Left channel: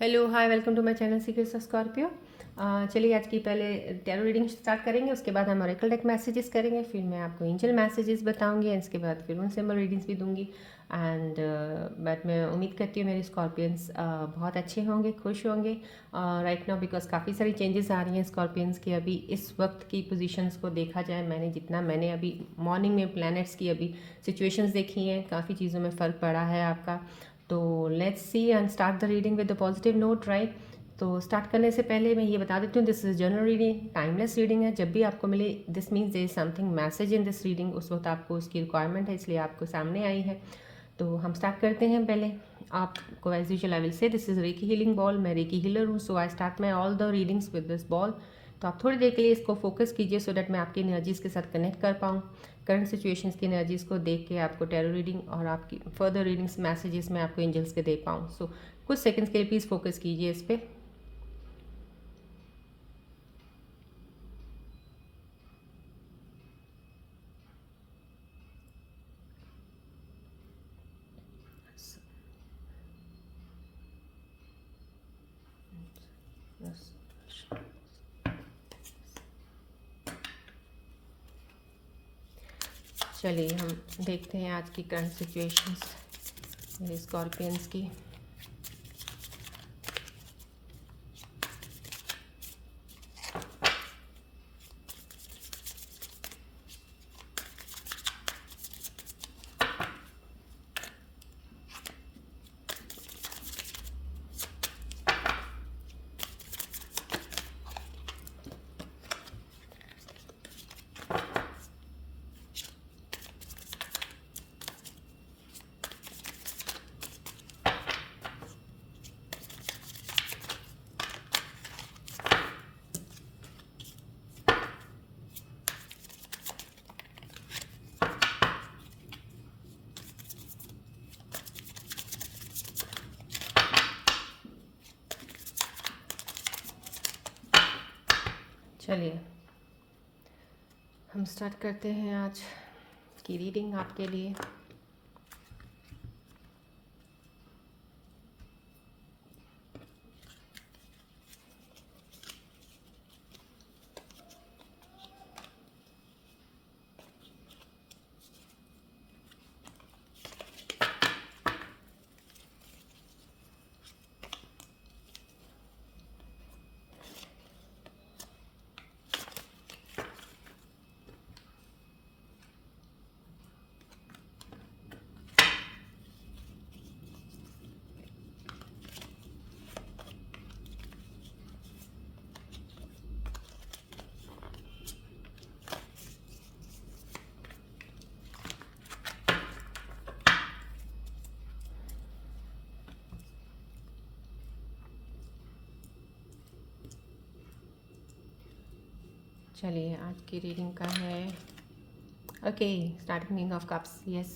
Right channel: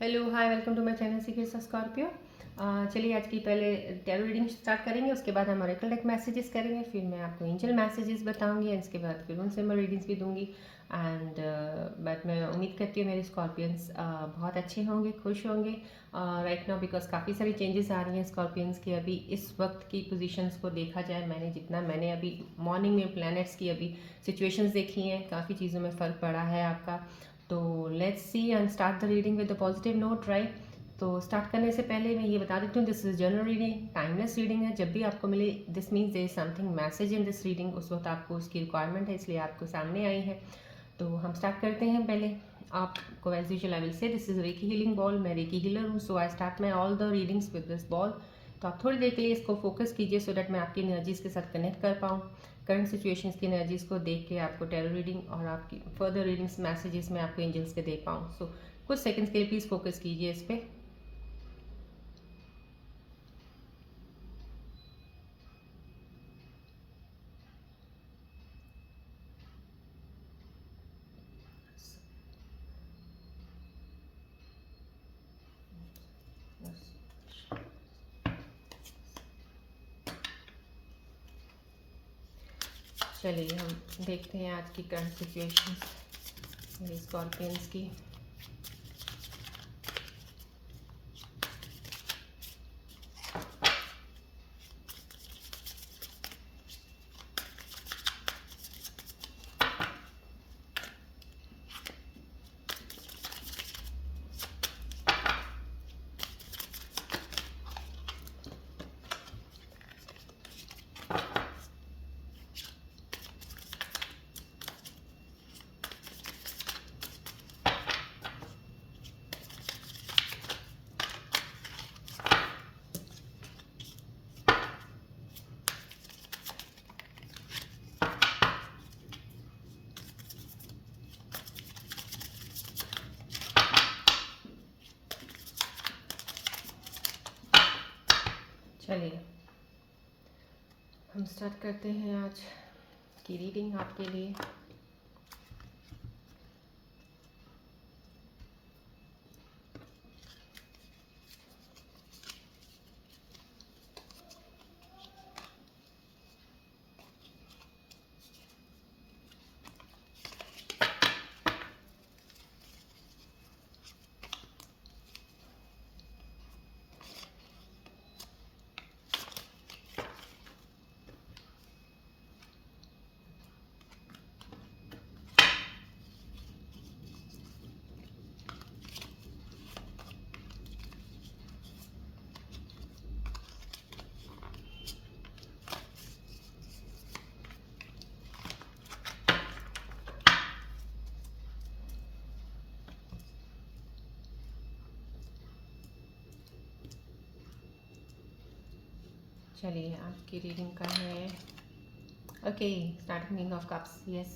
Hello hi welcome to my channel secrets of Scorpio. चलिए आज की पहले टैरो रीडिंग स्टार्ट करेंगे, उसके बाद हम ओरेकल डेक मैसेजेस करेंगे, फिर मैं आपको एंजल मैसेजेस बताऊंगी, इसके बाद फिर उनसे मैं रीडिंग्स भी दूंगी। एंड बट मैं उम्मीद करती हूँ मेरे स्कॉर्पियंस बहुत अच्छे होंगे, खुश होंगे राइट नाउ, बिकॉज काफ़ी सारी चेंजेस आ रही हैं स्कॉर्पियंस की। अभी इस वक्त की पोजीशंस को देखा जाए, मैंने अभी मॉर्निंग में प्लैनेट्स की अभी सिचुएशंस देखी हैं, काफ़ी चीज़ों में फ़र्क पड़ा है आपका। तो let's see and start the reading with the positive note right. तो स्टार्ट करने से पहले मैं ये बता देती हूँ, this is general reading, timeless reading है। जब भी आपको मिले this means there is something message in this reading, उस वक्त आपको उसकी रिक्वायरमेंट है, इसलिए आपको सामने आई है। तो हम स्टार्ट करते हैं। पहले आपको as usual I will say this is reiki healing ball, मैं रेकी हीलर हूँ, so I start my all the readings with this ball. तो आप थोड़ी देर के लिए इसको फोकस कीजिए सो दैट मैं आपकी एनर्जीज के साथ कनेक्ट कर पाऊँ, करंट सिचुएशंस की एनर्जीज को देख के आपको टैरो रीडिंग और आपकी फर्दर रीडिंग्स मैसेजेस मैं आपको एंजल्स के दे पाऊँ। सो कुछ सेकंड्स के लिए प्लीज़ फोकस कीजिए इस पर। चलिए हम देखते हैं आज की करंट सिचुएशंस स्कॉर्पियंस की। चलिए हम स्टार्ट करते हैं आज की रीडिंग आपके लिए। चलिए आज की रीडिंग का है okay starting of cups. Yes,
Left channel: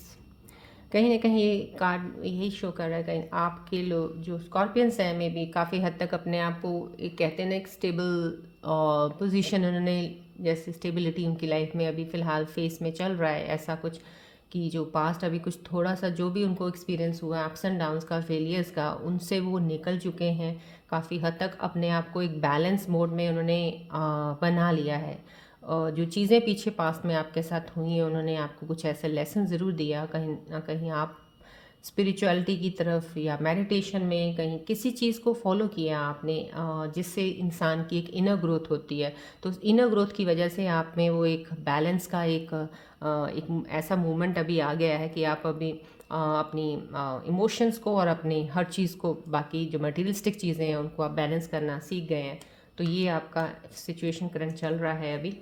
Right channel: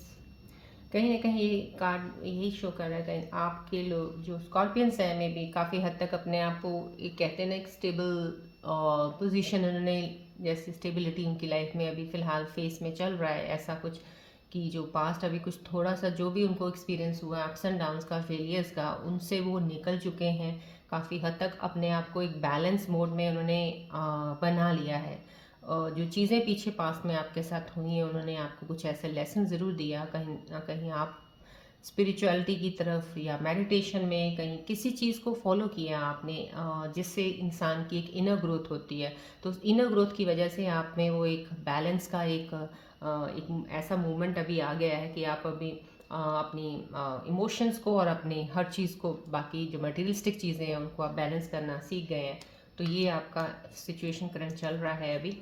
कहीं ना कहीं ये कार्ड यही शो कर रहा है, कहीं आपके लोग जो स्कॉर्पियंस हैं में भी काफ़ी हद तक अपने आप को एक कहते हैं ना एक स्टेबल पोजीशन उन्होंने, जैसे स्टेबिलिटी उनकी लाइफ में अभी फ़िलहाल फेस में चल रहा है ऐसा कुछ, कि जो पास्ट अभी कुछ थोड़ा सा जो भी उनको एक्सपीरियंस हुआ अप्स एंड डाउन्स का, फेलियर्स का, उनसे वो निकल चुके हैं। काफ़ी हद तक अपने आप को एक बैलेंस मोड में उन्होंने बना लिया है। जो चीज़ें पीछे पास्ट में आपके साथ हुई हैं, उन्होंने आपको कुछ ऐसे लेसन ज़रूर दिया, कहीं ना कहीं आप स्पिरिचुअलिटी की तरफ या मेडिटेशन में कहीं किसी चीज़ को फॉलो किया आपने, जिससे इंसान की एक इनर ग्रोथ होती है। तो इनर ग्रोथ की वजह से आप में वो एक बैलेंस का एक ऐसा मूवमेंट अभी आ गया है कि आप अभी अपनी इमोशंस को और अपनी हर चीज़ को, बाकी जो मटेरियलिस्टिक चीज़ें हैं उनको आप बैलेंस करना सीख गए हैं। तो ये आपका सिचुएशन करंट चल रहा है अभी।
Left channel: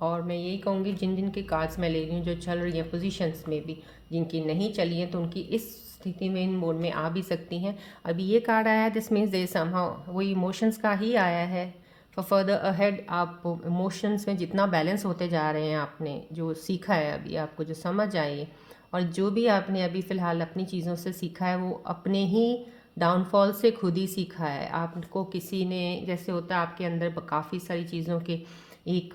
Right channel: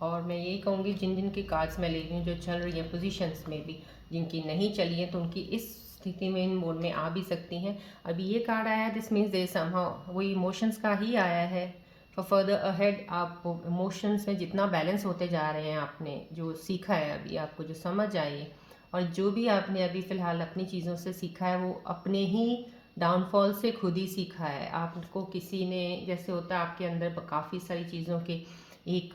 और मैं यही कहूँगी, जिन जिन की कार्ड्स मैं ले रही हूँ जो चल रही हैं पोजीशंस में भी, जिनकी नहीं चली है तो उनकी इस स्थिति में इन मोड में आ भी सकती हैं। अभी ये कार्ड आया है, दिस मीन्स दे समहाउ वो इमोशंस का ही आया है। फॉर फर्दर अहेड आप इमोशंस में जितना बैलेंस होते जा रहे हैं, आपने जो सीखा है अभी, आपको जो समझ आई है और जो भी आपने अभी फ़िलहाल अपनी चीज़ों से सीखा है, वो अपने ही डाउनफॉल से खुद ही सीखा है। आपको किसी ने, जैसे होता है आपके अंदर काफ़ी सारी चीज़ों के एक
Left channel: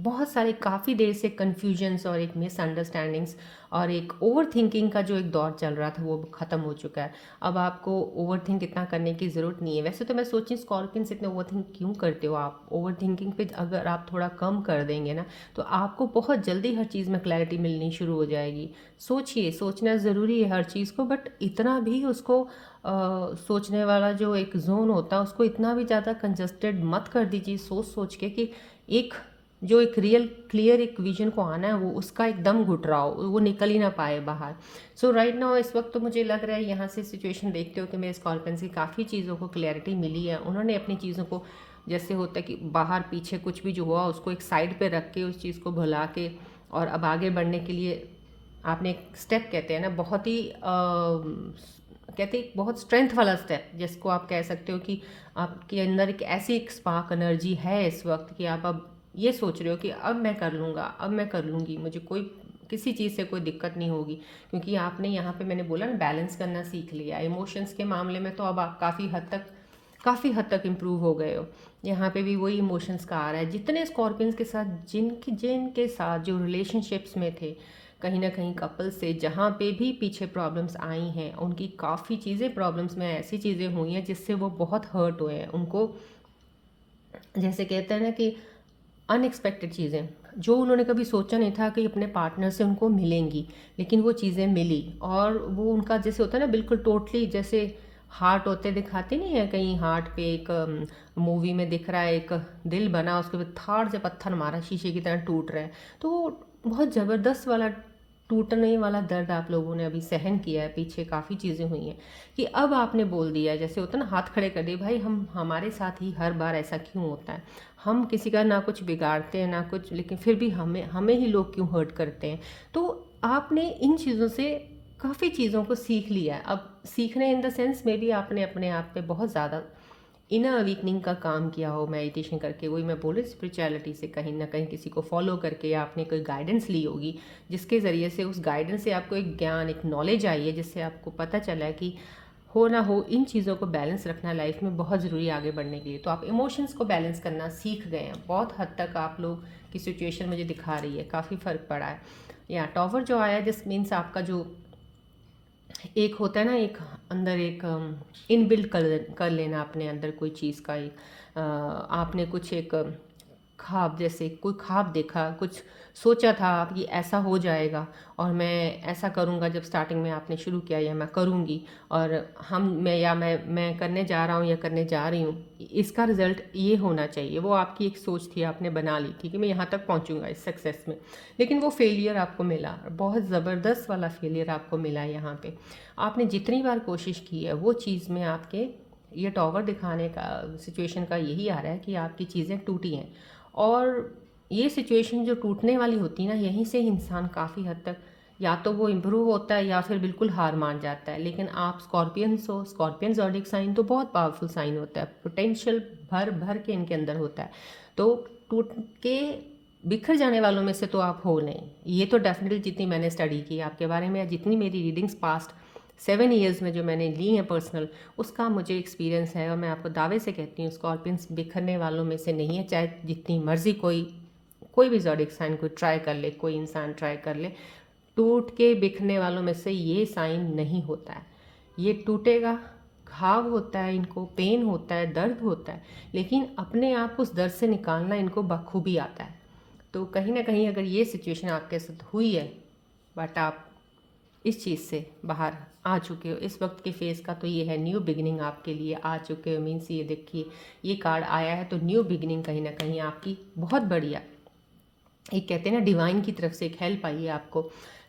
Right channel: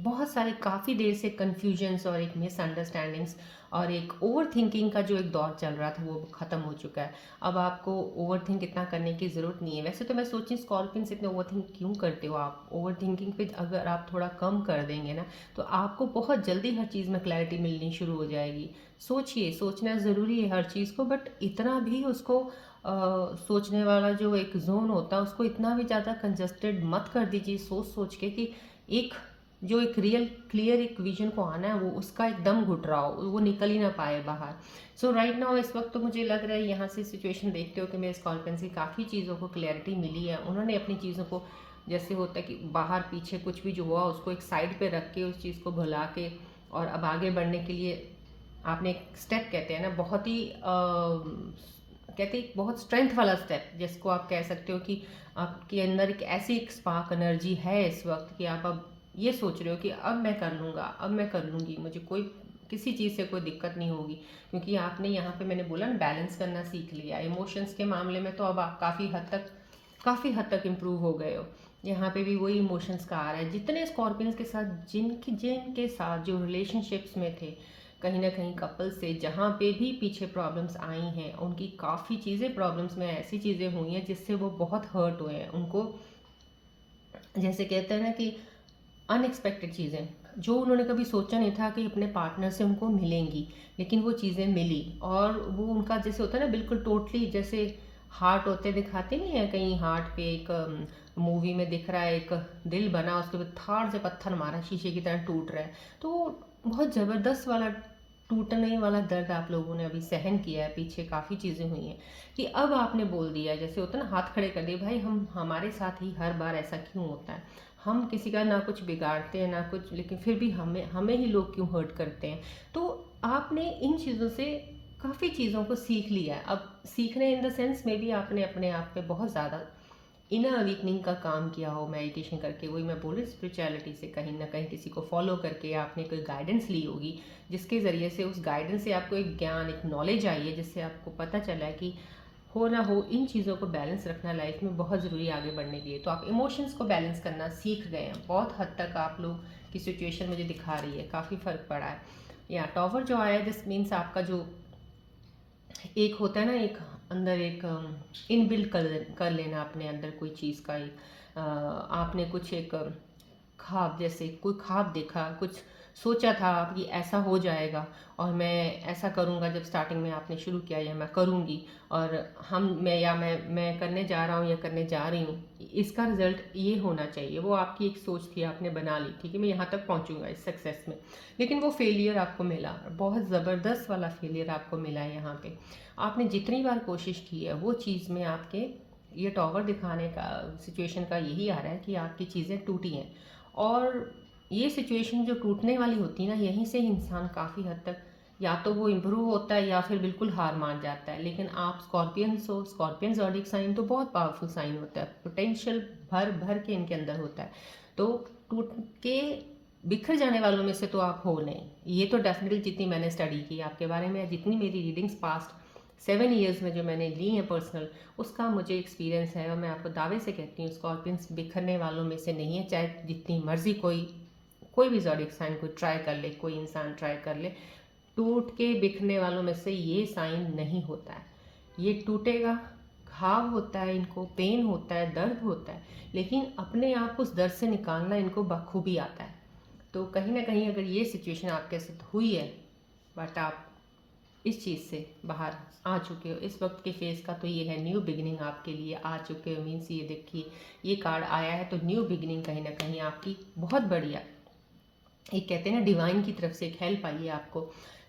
बहुत सारी काफ़ी देर से कन्फ्यूजन्स और एक मिसअंडरस्टैंडिंग्स और एक ओवर थिंकिंग का जो एक दौर चल रहा था वो ख़त्म हो चुका है। अब आपको ओवर थिंक इतना करने की ज़रूरत नहीं है। वैसे तो मैं सोची स्कॉर्पियन से इतने ओवर थिंक क्यों करते हो आप? ओवर थिंकिंग पे अगर आप थोड़ा कम कर देंगे ना, तो आपको बहुत जल्दी हर चीज़ में क्लैरिटी मिलनी शुरू हो जाएगी। सोचिए, सोचना ज़रूरी है हर चीज़ को, बट इतना भी उसको सोचने वाला जो एक जोन होता है उसको इतना भी ज़्यादा कंजस्टेड मत कर दीजिए सोच सोच के कि एक जो एक रियल क्लियर एक विजन को आना है वो उसका एकदम घुट रहा हो, वो निकल ही ना पाए बाहर। सो राइट नाउ इस वक्त तो मुझे लग रहा है यहाँ से सिचुएशन देखते हो कि मेरे स्कॉर्पियन से काफ़ी चीज़ों को क्लैरिटी मिली है। उन्होंने अपनी चीज़ों को, जैसे होता है कि बाहर पीछे कुछ भी जो हुआ उसको एक साइड पे रख के उस चीज़ को भुला के और अब आगे बढ़ने के लिए आपने एक स्टेप, कहते हैं ना, बहुत ही कहते हैं बहुत स्ट्रेंथ वाला स्टेप, जिसको आप कह सकते हो कि आपके अंदर एक ऐसी एक स्पार्क एनर्जी है इस वक्त कि आप अब ये सोच रहे हो कि अब मैं कर लूँगा, अब मैं कर लूँगी, मुझे कोई किसी चीज़ से कोई दिक्कत नहीं होगी। क्योंकि आपने यहाँ पे, मैंने बोला ना, बैलेंस करना सीख लिया। इमोशंस के मामले में तो अब आप काफ़ी हद तक इम्प्रूव हो गए हो। यहाँ पे भी वही इमोशंस का आ रहा है। जितने स्कॉर्पियंस के साथ जिनके साथ जो रिलेशनशिप्स में थे, कहीं ना कहीं कपल से जहाँ पे भी पीछे प्रॉब्लम्स आई हैं, उनकी काफ़ी चीज़ें प्रॉब्लम्स में ऐसी चीज़ें हुई हैं जिससे वो बहुत हर्ट हुए हैं। उनको, जैसे कहते हैं ना कि अनएक्सपेक्टेड चीज़ें जो उन्होंने कभी सोचा नहीं था कि अपने पार्टनर से उनको मिलेंगी, लेकिन वो चीज़ें मिली। और वो उनका जैसे होता है ना, बिल्कुल टोटली जैसे हार्ट होते दिखाते नहीं है कहीं, हार्ट पे एक मूवी में दिख रहा है एक दिल बना, उसके बाद थाड़ से पत्थर मारा, शीशे की तरह टूट रहा है। तो बहुत ज़बरदस्त वाला टूटने वाला दर्द आप लोगों ने अभी सहन किया है। पीछे काफ़ी चीज़ें हुई हैं कि अब आपने बोल दिया, जैसे होता है ना, हाथ खड़े कर दिए, भाई हम हमारे साथ ही हर बार ऐसा क्यों होता है? हम किसी का ना कुछ बिगाड़ते हैं ना कुछ, लेकिन फिर भी हमें हमें ही लोग क्यों हर्ट करते हैं? तो आपने इन चीज़ों से काफ़ी चीज़ों को सीख लिया है। अब सीखने इन द सेंस में भी आपने अपने आप पे बहुत ज़्यादा इनर अवेकनिंग का काम किया हो मेडिटेशन करके। वही मैं बोल रही, स्पिरिचुअलिटी से कहीं ना कहीं किसी को फॉलो करके आपने कोई गाइडेंस ली होगी, जिसके ज़रिए से उस गाइडेंस से आपको एक ज्ञान, एक नॉलेज आई है, जिससे आपको पता चला है कि हो ना हो इन चीज़ों को बैलेंस रखना लाइफ में बहुत ज़रूरी है आगे बढ़ने के लिए। तो आप इमोशंस को बैलेंस करना सीख गए हैं। बहुत हद तक आप लोग की सिचुएशन मुझे दिखा रही है, काफ़ी फ़र्क पड़ा है। या टॉवर जो आया, दिस मीन्स आपका जो एक होता है ना, एक अंदर एक इनबिल्ट कर लेना अपने अंदर कोई चीज़ का एक आपने कुछ एक ख्वाब, जैसे कोई ख्वाब देखा, कुछ सोचा था आप कि ऐसा हो जाएगा और मैं ऐसा करूँगा। जब स्टार्टिंग में आपने शुरू किया, या मैं करूँगी और मैं करने जा रहा हूँ या करने जा रही हूँ, इसका रिज़ल्ट ये होना चाहिए। वो आपकी एक सोच थी, आपने बना ली थी कि मैं यहाँ तक पहुँचूँगा इस सक्सेस में। लेकिन वो फेलियर आपको मिला, बहुत ज़बरदस्त वाला फेलियर आपको मिला यहाँ पे। आपने जितनी बार कोशिश की है वो चीज़ में आपके, ये टॉवर दिखाने का सिचुएशन का यही आ रहा है कि आपकी चीज़ें टूटी हैं। और ये सिचुएशन जो टूटने वाली होती है ना, यहीं से इंसान काफ़ी हद तक या तो वो इम्प्रूव होता है या फिर बिल्कुल हार मान जाता है। लेकिन आप स्कॉर्पियंस हो, स्कॉर्पियन ज़ोडिएक साइन तो बहुत पावरफुल साइन होता है, पोटेंशियल भर भर के इनके अंदर होता है। तो टूट के बिखर जाने वालों में से तो आप हो नहीं, ये तो डेफिनेटली। जितनी मैंने स्टडी की आपके बारे में, जितनी मेरी रीडिंग्स पास्ट 7 ईयर्स में जो मैंने ली हैं पर्सनल, उसका मुझे एक्सपीरियंस है। और मैं आपको दावे से कहती हूँ स्कॉर्पियंस बिखरने वालों में से नहीं है। चाहे जितनी मर्जी कोई भी ज़ोडिएक साइन कोई ट्राई कर ले, कोई इंसान ट्राई कर ले, टूट के बिखरने वालों में से ये साइन नहीं होता है। ये टूटेगा, घाव होता है, इनको पेन होता है, दर्द होता है, लेकिन अपने आप उस दर्द से निकालना इनको बखूबी आता है। तो कहीं ना कहीं अगर ये सिचुएशन आपके साथ हुई है, बट आप इस चीज़ से बाहर आ चुके हो, इस वक्त के फेज़ का तो ये है, न्यू बिगिनिंग आपके लिए आ चुके हो। मीन्स ये देखिए, ये कार्ड आया है तो न्यू बिगिनिंग कहीं ना कहीं आपकी बहुत बढ़िया, एक कहते हैं ना डिवाइन की तरफ से एक हेल्प आई है आपको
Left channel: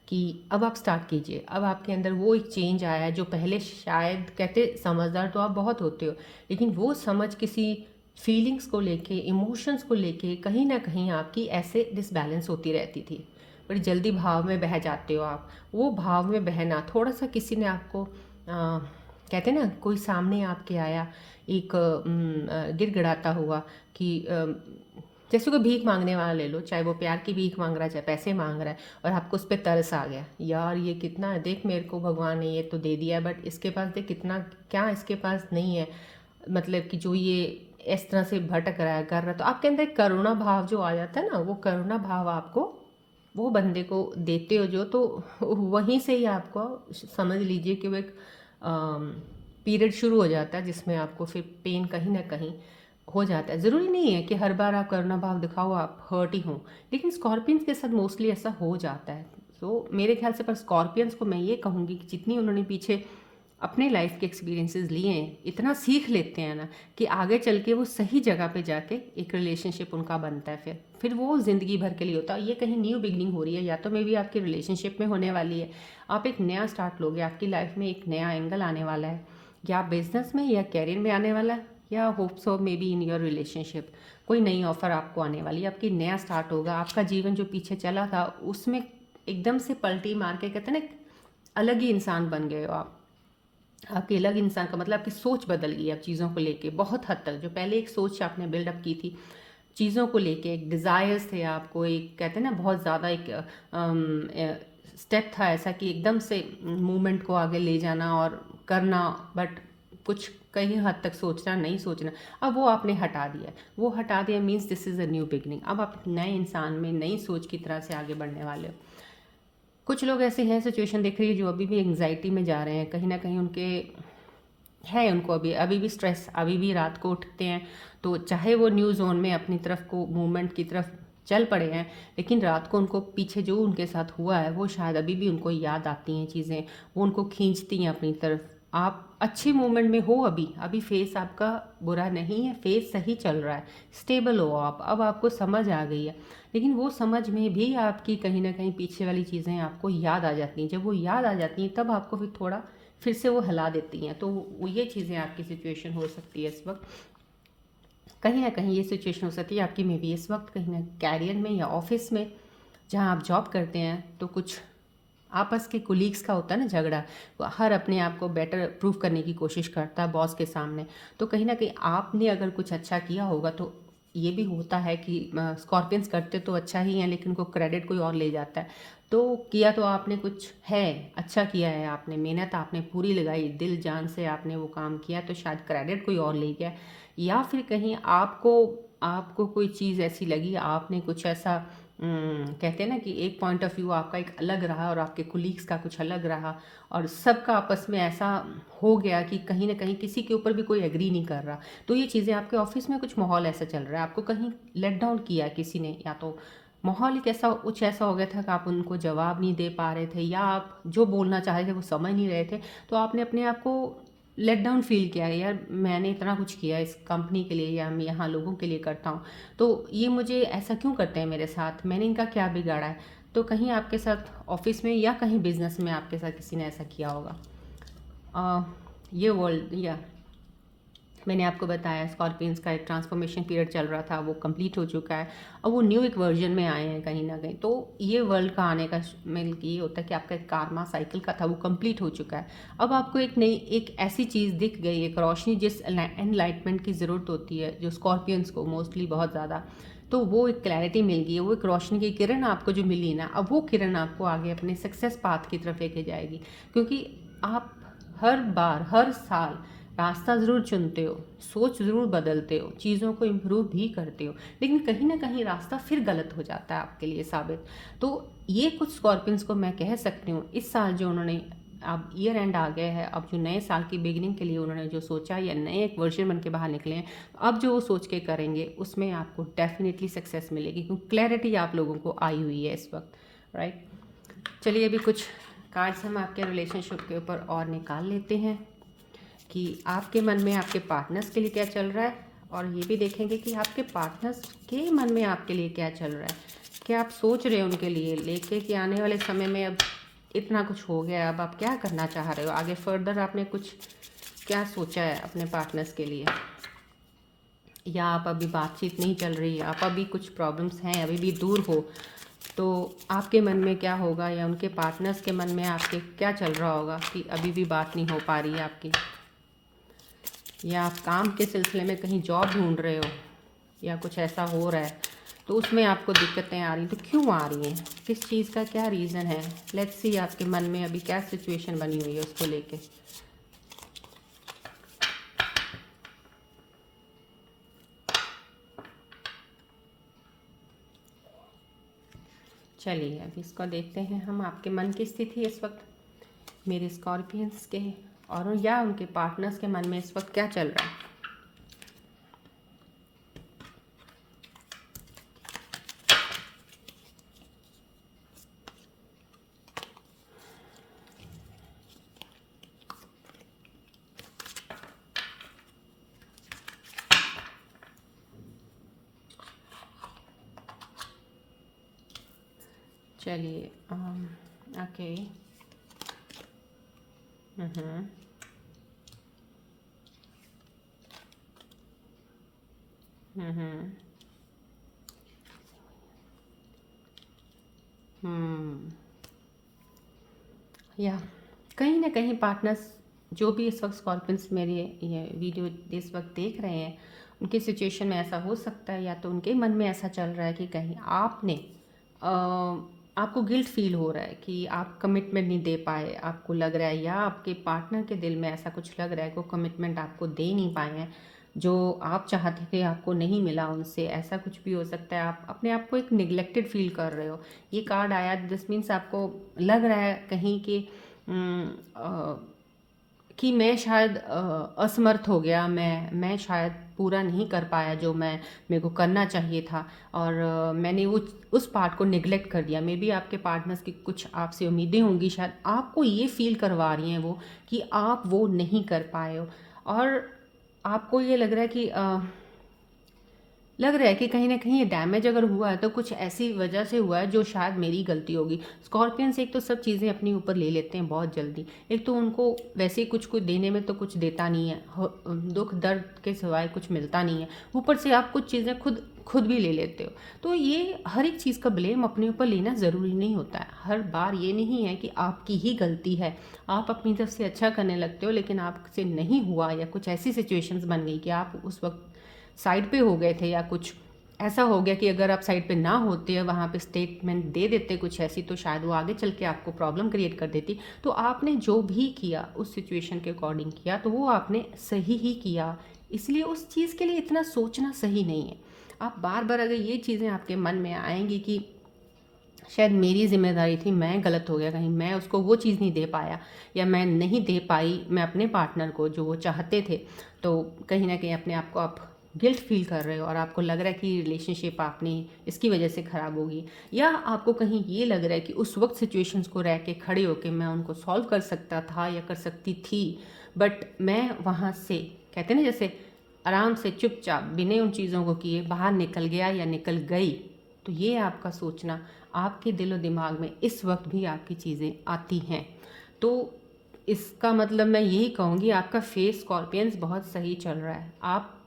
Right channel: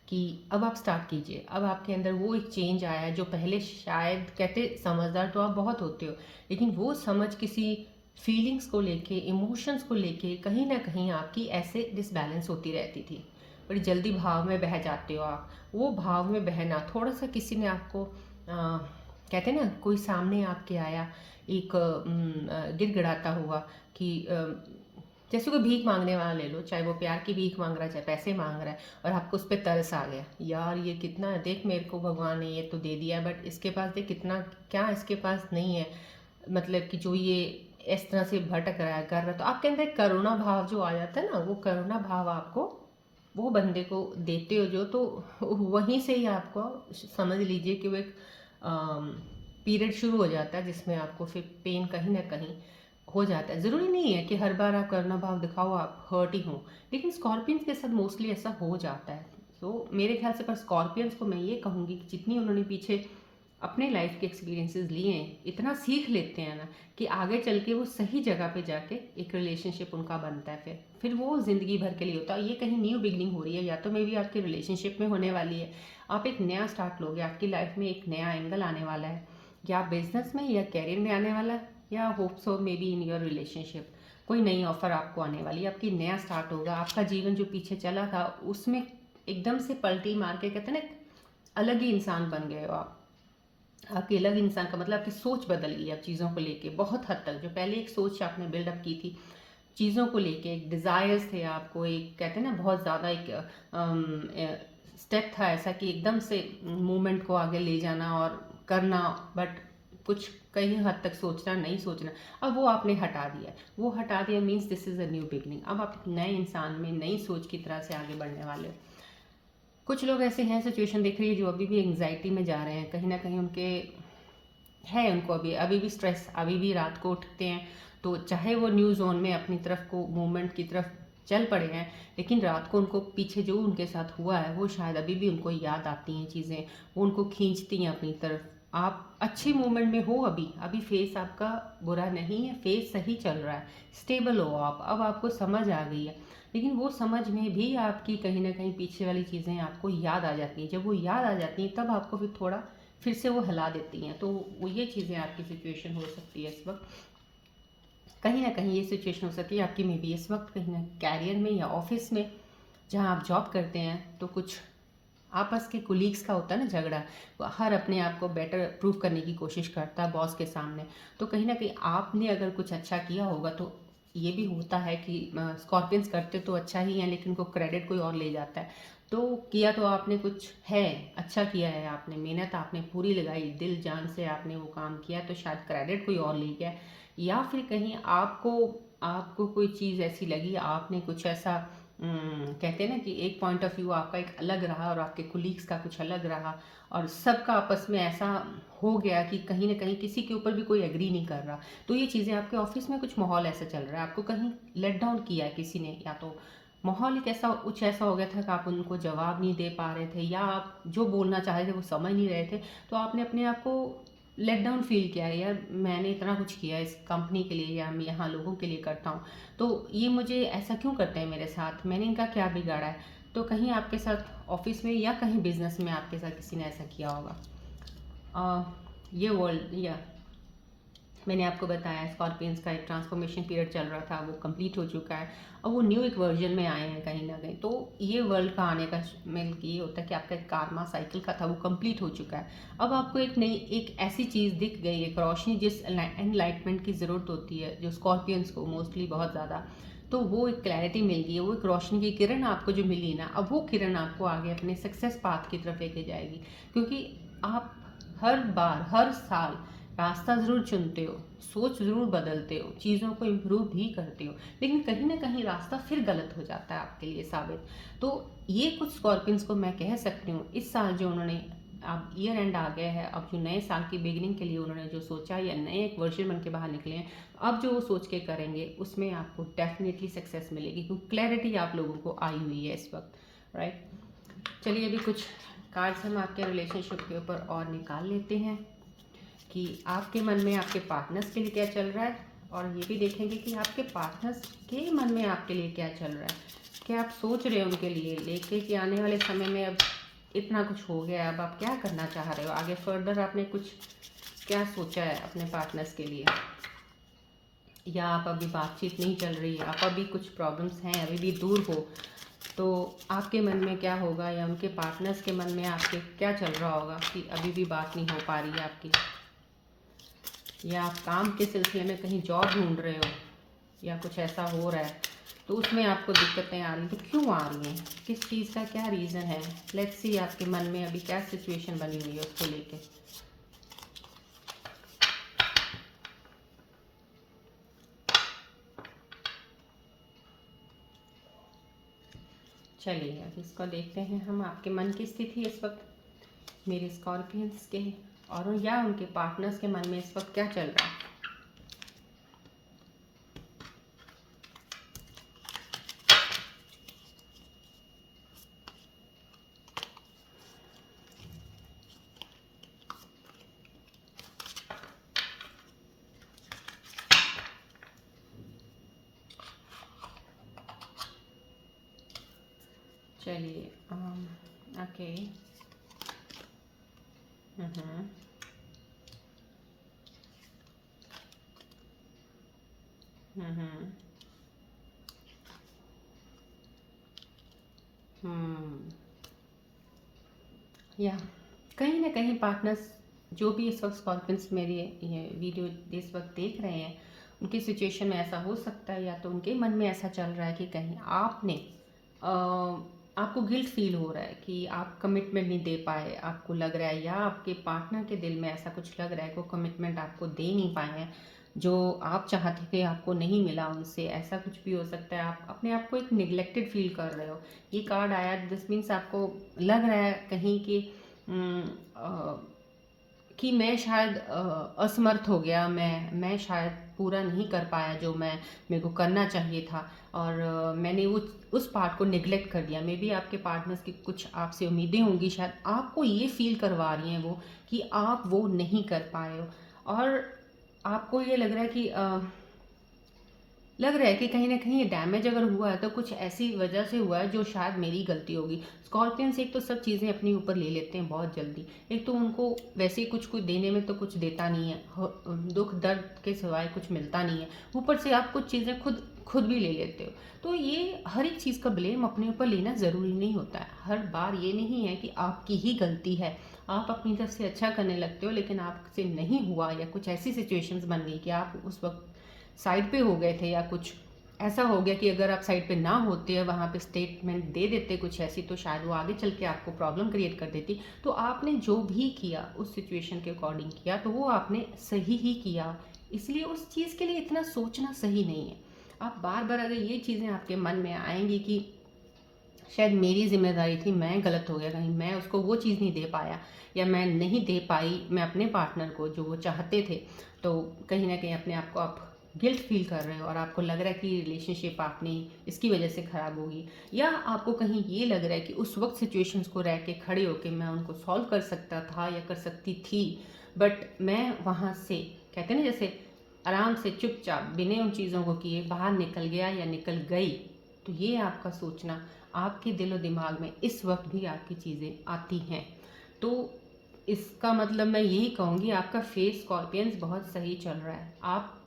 कि अब आप स्टार्ट कीजिए। अब आपके अंदर वो एक चेंज आया है जो पहले शायद, कहते समझदार तो आप बहुत होते हो, लेकिन वो समझ किसी फीलिंग्स को लेके, इमोशंस को लेके कहीं ना कहीं आपकी ऐसे डिसबैलेंस होती रहती थी। बड़ी जल्दी भाव में बह जाते हो आप। वो भाव में बहना, थोड़ा सा किसी ने आपको कहते हैं ना, कोई सामने आपके आया एक गिड़गिड़ाता हुआ कि जैसे कोई भीख मांगने वाला ले लो, चाहे वो प्यार की भीख मांग रहा है चाहे पैसे मांग रहा है, और आपको उस पर तरस आ गया, यार ये कितना है, देख मेरे को भगवान ने ये तो दे दिया, बट इसके पास देख कितना, क्या इसके पास नहीं है, मतलब कि जो ये इस तरह से भटक रहा है, कर रहा है, तो आपके अंदर एक करुणा भाव जो आ जाता है ना, वो करुणा भाव आपको वो बंदे को देते हो जो, तो वहीं से ही आपको समझ लीजिए कि वो एक पीरियड शुरू हो जाता है जिसमें आपको फिर पेन कहीं ना कहीं हो जाता है। ज़रूरी नहीं है कि हर बार आप करुणा भाव दिखाओ आप हर्ट ही हों, लेकिन स्कॉर्पियंस के साथ मोस्टली ऐसा हो जाता है। तो मेरे ख्याल से पर स्कॉर्पियंस को मैं ये कहूँगी कि जितनी उन्होंने पीछे अपने लाइफ के एक्सपीरियंसेस लिए हैं, इतना सीख लेते हैं ना कि आगे चल के वो सही जगह पे जाके एक रिलेशनशिप उनका बनता है, फिर वो ज़िंदगी भर के लिए होता है। ये कहीं न्यू बिगनिंग हो रही है, या तो मे भी आपकी रिलेशनशिप में होने वाली है, आप एक नया स्टार्ट लोगे, आपकी लाइफ में एक नया एंगल आने वाला है, या बिजनेस में या कैरियर में आने वाला है, या hope so may be in your relationship कोई नई ऑफर आपको आने वाली है, आपकी नया स्टार्ट होगा। आपका जीवन जो पीछे चला था उसमें एकदम से पलटी मार के, कहते हैं ना, अलग ही इंसान बन गए हो आप। आपकी अलग इंसान का मतलब आपकी सोच बदल गई अब चीज़ों को लेके बहुत हद तक। जो पहले एक सोच आपने बिल्डअप की थी चीज़ों को लेके, एक डिज़ायर्स थे आपको, एक कहते हैं ना बहुत ज़्यादा एक स्टेप था ऐसा कि एकदम से मूवमेंट को आगे ले जाना और करना, बट कुछ कई हद तक सोचना नहीं सोचना, अब वो आपने हटा दिया। वो हटा दिया means this is a new beginning. अब आप नए इंसान में नई सोच की तरह से आगे बढ़ने वाले हो। कुछ लोग ऐसे हैं, सिचुएशन देख रही है, जो अभी भी एंग्जाइटी में जा रहे हैं, कहीं ना कहीं उनके है, उनको अभी अभी भी स्ट्रेस, अभी भी रात को उठते हैं तो चाहे वो न्यू जोन में अपनी तरफ को मूवमेंट की तरफ चल पड़े हैं, लेकिन रात को उनको पीछे जो उनके साथ हुआ है वो शायद अभी भी उनको याद आती हैं चीज़ें, वो उनको खींचती हैं अपनी तरफ। आप अच्छी मूवमेंट में हो, अभी अभी फेस आपका बुरा नहीं है, फेस सही चल रहा है, स्टेबल हो आप, अब आपको समझ आ गई है, लेकिन वो समझ में भी आपकी कहीं ना कहीं पीछे वाली चीज़ें आपको याद आ जाती हैं। जब वो याद आ जाती हैं तब आपको फिर से वो हिला देती हैं। तो ये चीज़ें आपकी सिचुएशन हो सकती है इस वक्त, कहीं ना कहीं ये सिचुएशन हो सकती है आपकी में भी इस वक्त, कहीं ना कैरियर में या ऑफिस में जहाँ आप जॉब करते हैं, तो कुछ आपस के कुलीग्स का होता है ना झगड़ा, वो हर अपने आप को बेटर प्रूव करने की कोशिश करता है बॉस के सामने। तो कहीं ना कहीं आपने अगर कुछ अच्छा किया होगा, तो ये भी होता है कि स्कॉर्पियंस करते तो अच्छा ही है, लेकिन उनको क्रेडिट कोई और ले जाता है। तो किया तो आपने कुछ है, अच्छा किया है आपने, मेहनत आपने पूरी लगाई, दिल जान से आपने वो काम किया, तो शायद क्रेडिट कोई और ले गया, या फिर कहीं आपको आपको कोई चीज़ ऐसी लगी, आपने कुछ ऐसा कहते हैं ना कि एक पॉइंट ऑफ व्यू आपका एक अलग रहा और आपके कुलीग्स का कुछ अलग रहा, और सबका आपस में ऐसा हो गया कि कहीं ना कहीं किसी के ऊपर भी कोई एग्री नहीं कर रहा। तो ये चीज़ें आपके ऑफिस में कुछ माहौल ऐसा चल रहा है, आपको कहीं लेट डाउन किया है किसी ने, या तो माहौल ही कैसा कुछ ऐसा हो गया था कि आप उनको जवाब नहीं दे पा रहे थे, या आप जो बोलना चाह रहे थे वो समझ नहीं रहे थे, तो आपने अपने आप को लेट डाउन फील किया है, यार मैंने इतना कुछ किया इस कंपनी के लिए, या मैं यहाँ लोगों के लिए करता हूँ, तो ये मुझे ऐसा क्यों करते हैं मेरे साथ, मैंने इनका क्या बिगाड़ा है। तो कहीं आपके साथ ऑफिस में या कहीं बिजनेस में आपके साथ किसी ने ऐसा किया होगा। ये वर्ल्ड, या मैंने आपको बताया स्कॉर्पियंस का एक ट्रांसफॉर्मेशन पीरियड चल रहा था, वो कंप्लीट हो चुका है, और वो न्यू एक वर्जन में आए हैं कहीं ना कहीं। तो ये वर्ल्ड का आने का मेन ये होता है कि आपका एक कार्मा साइकिल का था वो कंप्लीट हो चुका है। अब आपको एक नई एक ऐसी चीज़ दिख गई, एक रोशनी जिस एनलाइटमेंट की ज़रूरत होती है, जो स्कॉर्पियंस को मोस्टली बहुत ज़्यादा, तो वो एक क्लैरिटी मिल गई है, वो एक रोशनी की किरण आपको जो मिली ना, अब वो किरण आपको आगे अपने सक्सेस पाथ की तरफ लेके जाएगी। क्योंकि आप हर बार हर साल रास्ता ज़रूर चुनते हो, सोच ज़रूर बदलते हो, चीज़ों को इम्प्रूव भी करते हो, लेकिन कहीं ना कहीं रास्ता फिर गलत हो जाता है आपके लिए साबित। तो ये कुछ स्कॉर्पियंस को मैं कह सकती हूँ इस साल जो उन्होंने, अब ईयर एंड आ गया है, अब जो नए साल की बिगिनिंग के लिए उन्होंने जो सोचा या नए एक वर्जन बन के बाहर निकले हैं, अब जो वो सोच के करेंगे उसमें आपको डेफिनेटली सक्सेस मिलेगी, क्योंकि क्लैरिटी आप लोगों को आई हुई है इस वक्त, राइट। चलिए अभी कुछ कार्ड्स हम आपके रिलेशनशिप के ऊपर और निकाल लेते हैं कि आपके मन में आपके पार्टनर्स के लिए क्या चल रहा है, और ये भी देखेंगे कि आपके पार्टनर्स के मन में आपके लिए क्या चल रहा है, क्या आप सोच रहे हो उनके लिए लेके कि आने वाले समय में अब इतना कुछ हो गया, अब आप क्या करना चाह रहे हो आगे फर्दर, आपने कुछ क्या सोचा है अपने पार्टनर्स के लिए, या आप अभी बातचीत नहीं चल रही, आप अभी कुछ प्रॉब्लम्स हैं, अभी भी दूर हो, तो आपके मन में क्या होगा, या उनके पार्टनर्स के मन में आपके क्या चल रहा होगा कि अभी भी बात नहीं हो पा रही है आपकी, या आप काम के सिलसिले में कहीं जॉब ढूंढ रहे हो, या कुछ ऐसा हो रहा है तो उसमें आपको दिक्कतें आ रही, तो क्यों आ रही हैं, किस चीज़ का क्या रीज़न है। लेट्स सी आपके मन में अभी क्या सिचुएशन बनी हुई है उसको लेके। चलिए अब इसको देखते हैं हम, आपके मन की स्थिति इस वक्त मेरे स्कॉर्पियंस के और या उनके पार्टनर्स के मन में इस वक्त क्या चल रहा है। चलिए ओके। हम्म हम्म हम्म या कहीं ना कहीं पार्टनर्स जो भी इस वक्त स्कॉर्पियंस मेरी ये वीडियो इस वक्त देख रहे हैं, उनकी सिचुएशन में ऐसा हो सकता है या तो उनके मन में ऐसा चल रहा है कि कहीं आपने आपको गिल्ट फील हो रहा है कि आप कमिटमेंट नहीं दे पाए, आपको लग रहा है, या आपके पार्टनर के दिल में ऐसा कुछ लग रहा है कि कमिटमेंट आपको दे नहीं पाए हैं जो आप चाहते थे, आपको नहीं मिला उनसे, ऐसा कुछ भी हो सकता है। आप अपने आप को एक निगलेक्टेड फील कर रहे हो। ये कार्ड आया, दिस मीन्स आपको लग रहा है कहीं कि कि मैं शायद असमर्थ हो गया, मैं शायद पूरा नहीं कर पाया जो मेरे को करना चाहिए था, और मैंने उस पार्ट को निगलेक्ट कर दिया। मे बी आपके पार्टनर्स की कुछ आपसे उम्मीदें होंगी, शायद आपको ये फील करवा रही हैं वो कि आप वो नहीं कर पाए हो, और आपको ये लग रहा है कि कहीं ना कहीं ये डैमेज अगर हुआ है तो कुछ ऐसी वजह से हुआ है जो शायद मेरी गलती होगी। स्कॉर्पियंस एक तो सब चीज़ें अपने ऊपर ले लेते हैं बहुत जल्दी, एक तो उनको वैसे ही कुछ देने में तो कुछ देता नहीं है, दुख दर्द के सिवाय कुछ मिलता नहीं है, ऊपर से आप कुछ चीज़ें खुद खुद भी ले लेते हो। तो ये हर एक चीज़ का ब्लेम अपने ऊपर लेना ज़रूरी नहीं होता है। हर बार ये नहीं है कि आपकी ही गलती है, आप अपनी तरफ से अच्छा करने लगते हो लेकिन आपसे नहीं हुआ, या कुछ ऐसी सिचुएशंस बन गई कि आप उस वक्त साइड पे हो गए थे, या कुछ ऐसा हो गया कि अगर आप साइड पे ना होते या वहाँ पे स्टेटमेंट दे देते कुछ ऐसी, तो शायद वो आगे चल के आपको प्रॉब्लम क्रिएट कर देती। तो आपने जो भी किया उस सिचुएशन के अकॉर्डिंग किया, तो वो आपने सही ही किया, इसलिए उस चीज़ के लिए इतना सोचना सही नहीं है। आप बार बार अगर ये चीज़ें आपके मन में आएंगी कि शायद मेरी जिम्मेदारी थी, मैं गलत हो गया, कहीं मैं उसको वो चीज़ नहीं दे पाया, या मैं नहीं दे पाई मैं अपने पार्टनर को जो वो चाहते थे, तो कहीं ना कहीं अपने आप को आप गिल्ट फील कर रहे हो, और आपको लग रहा है कि रिलेशनशिप आपने इसकी वजह से ख़राब होगी, या आपको कहीं ये लग रहा है कि उस वक्त सिचुएशंस को रह के खड़े होकर मैं उनको सॉल्व कर सकता था या कर सकती थी, बट मैं वहाँ से, कहते ना जैसे, आराम से चुपचाप बिना उन चीज़ों को किए बाहर निकल गया या निकल गई। तो ये आपका सोचना, आपके दिलो दिमाग में इस वक्त भी आपकी चीज़ें आती हैं। तो इसका मतलब मैं यही कहूँगी, आपका फेस स्कॉर्पियंस बहुत सही चल रहा है। आप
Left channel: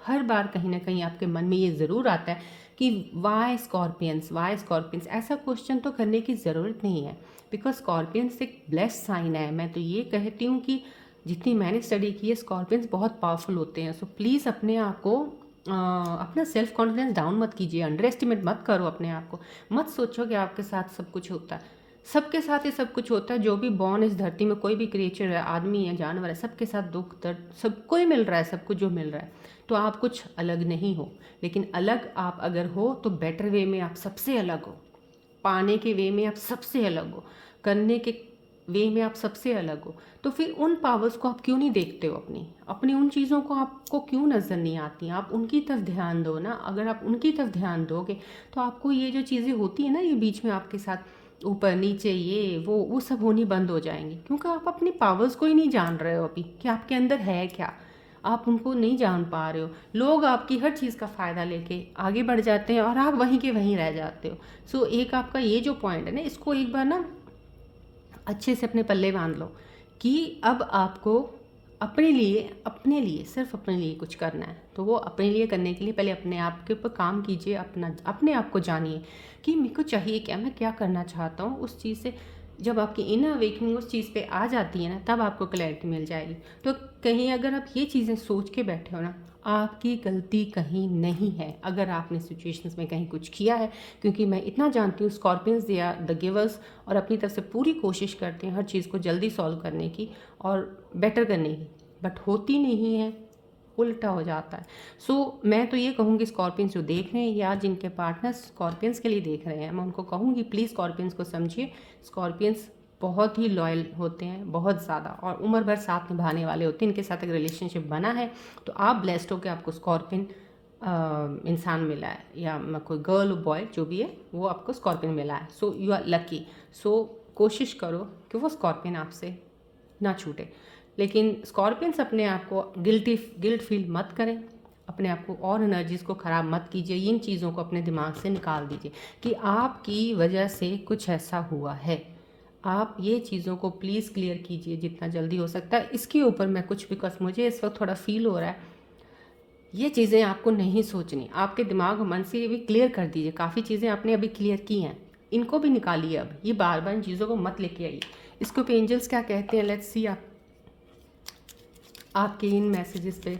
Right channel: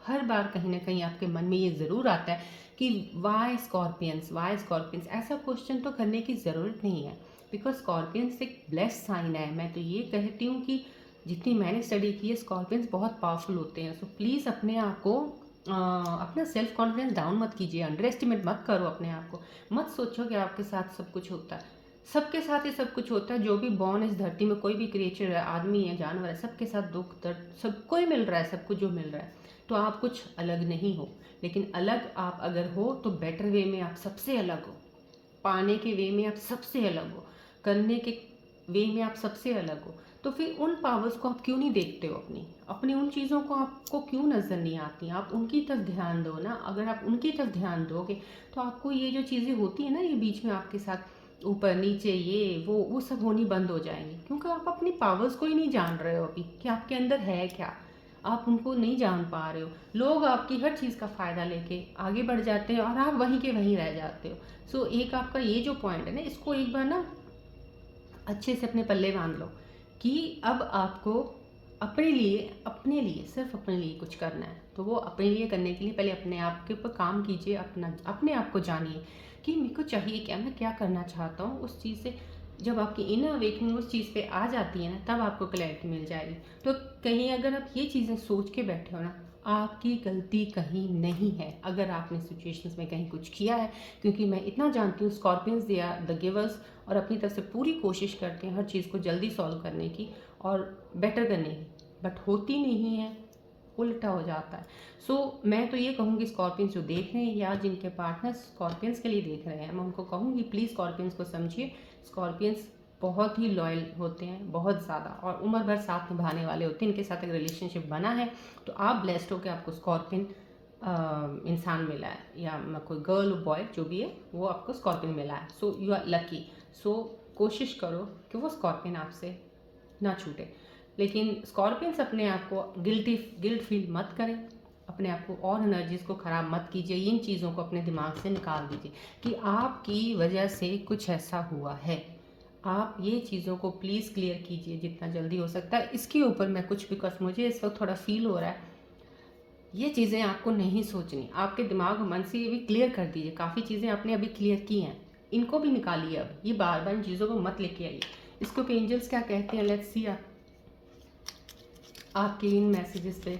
हर बार कहीं ना कहीं आपके मन में ये ज़रूर आता है कि वाई स्कॉर्पियंस, ऐसा क्वेश्चन तो करने की ज़रूरत नहीं है, बिकॉज स्कॉर्पियंस एक ब्लेस्ड साइन है। मैं तो ये कहती हूँ कि जितनी मैंने स्टडी की है, स्कॉर्पियंस बहुत पावरफुल होते हैं। सो प्लीज़ अपने आप को अपना सेल्फ कॉन्फिडेंस डाउन मत कीजिए, अंडर एस्टिमेट मत करो अपने आप को। मत सोचो कि आपके साथ सब कुछ होता है, सबके साथ ही सब कुछ होता है। जो भी बॉर्न इस धरती में, कोई भी क्रिएचर है, आदमी है, जानवर है, सबके साथ दुख दर्द सबको ही मिल रहा है, सब कुछ जो मिल रहा है। तो आप कुछ अलग नहीं हो, लेकिन अलग आप अगर हो तो बेटर वे में आप सबसे अलग हो, पाने के वे में आप सबसे अलग हो, करने के वे में आप सबसे अलग हो। तो फिर उन पावर्स को आप क्यों नहीं देखते हो, अपनी अपनी उन चीज़ों को आपको क्यों नज़र नहीं आती? आप उनकी तरफ ध्यान दो ना। अगर आप उनकी तरफ ध्यान दोगे तो आपको ये जो चीज़ें होती है ना, ये बीच में आपके साथ ऊपर नीचे ये वो सब होनी बंद हो जाएंगी, क्योंकि आप अपनी पावर्स को ही नहीं जान रहे हो अभी कि आपके अंदर है क्या। आप उनको नहीं जान पा रहे हो। लोग आपकी हर चीज़ का फ़ायदा लेके आगे बढ़ जाते हैं और आप वहीं के वहीं रह जाते हो। सो एक आपका ये जो पॉइंट है ना, इसको एक बार ना अच्छे से अपने पल्ले बांध लो कि अब आपको अपने लिए सिर्फ अपने लिए कुछ करना है। तो वो अपने लिए करने के लिए पहले अपने आप के ऊपर काम कीजिए, अपने आप को जानिए कि मेरे को चाहिए क्या, मैं क्या करना चाहता हूँ। उस चीज़ से जब आपकी इनर अवेकनिंग उस चीज़ पे आ जाती है ना, तब आपको क्लैरिटी मिल जाएगी। तो कहीं अगर आप ये चीज़ें सोच के बैठे हो ना, आपकी गलती कहीं नहीं है अगर आपने सिचुएशंस में कहीं कुछ किया है, क्योंकि मैं इतना जानती हूँ Scorpions they are the givers, और अपनी तरफ से पूरी कोशिश करते हैं हर चीज़ को जल्दी सॉल्व करने की और बेटर करने की, बट होती नहीं है। उल्टा हो जाता है। मैं तो ये कहूँगी स्कॉर्पियंस जो देख रहे हैं या जिनके पार्टनर्स स्कॉर्पियंस के लिए देख रहे हैं, मैं उनको कहूँगी प्लीज़ स्कॉर्पियंस को समझिए। स्कॉर्पियंस बहुत ही लॉयल होते हैं, बहुत ज़्यादा, और उम्र भर साथ निभाने वाले होते हैं। इनके साथ एक रिलेशनशिप बना है तो आप ब्लेस्ड हो कि आपको स्कॉर्पियन इंसान मिला है, या कोई गर्ल बॉय जो भी है वो आपको स्कॉर्पियन मिला है। So you are lucky. So कोशिश करो कि वो स्कॉर्पियन आपसे ना छूटे। लेकिन स्कॉर्पियंस अपने आप को गिल्ट फील मत करें, अपने आप को और एनर्जीज़ को ख़राब मत कीजिए। इन चीज़ों को अपने दिमाग से निकाल दीजिए कि आपकी वजह से कुछ ऐसा हुआ है। आप ये चीज़ों को प्लीज़ क्लियर कीजिए जितना जल्दी हो सकता है। इसके ऊपर मैं कुछ, बिकॉज मुझे इस वक्त थोड़ा फील हो रहा है, ये चीज़ें आपको नहीं सोचनी, आपके दिमाग और मन से ये भी क्लियर कर दीजिए। काफ़ी चीज़ें आपने अभी क्लियर की हैं, इनको भी निकालिए। अब ये बार बार इन चीज़ों को मत लेके आइए। इसके ऊपर एंजल्स क्या कहते हैं, लेट्स सी। आपके इन मैसेजेस पे,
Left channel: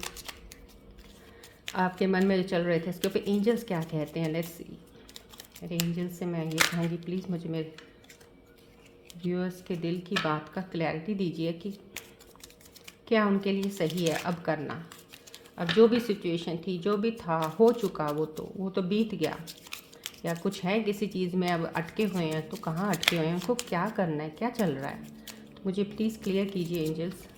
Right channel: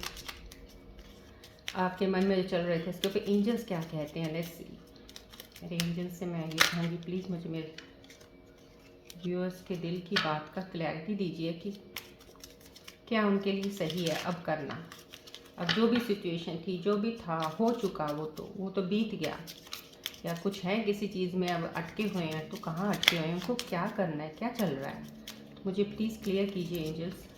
आपके मन में जो चल रहे थे, इसके ऊपर एंजल्स क्या कहते हैं, लेट्स सी। मेरे एंजल्स से मैं ये कहूँगी प्लीज़ मुझे मेरे व्यूअर्स के दिल की बात का क्लैरिटी दीजिए कि क्या उनके लिए सही है अब करना। अब जो भी सिचुएशन थी, जो भी था, हो चुका, वो तो बीत गया। या कुछ है किसी चीज़ में अब अटके हुए हैं, तो कहाँ अटके हुए हैं, उनको क्या करना है, क्या चल रहा है, तो मुझे प्लीज़ क्लियर कीजिए एंजल्स।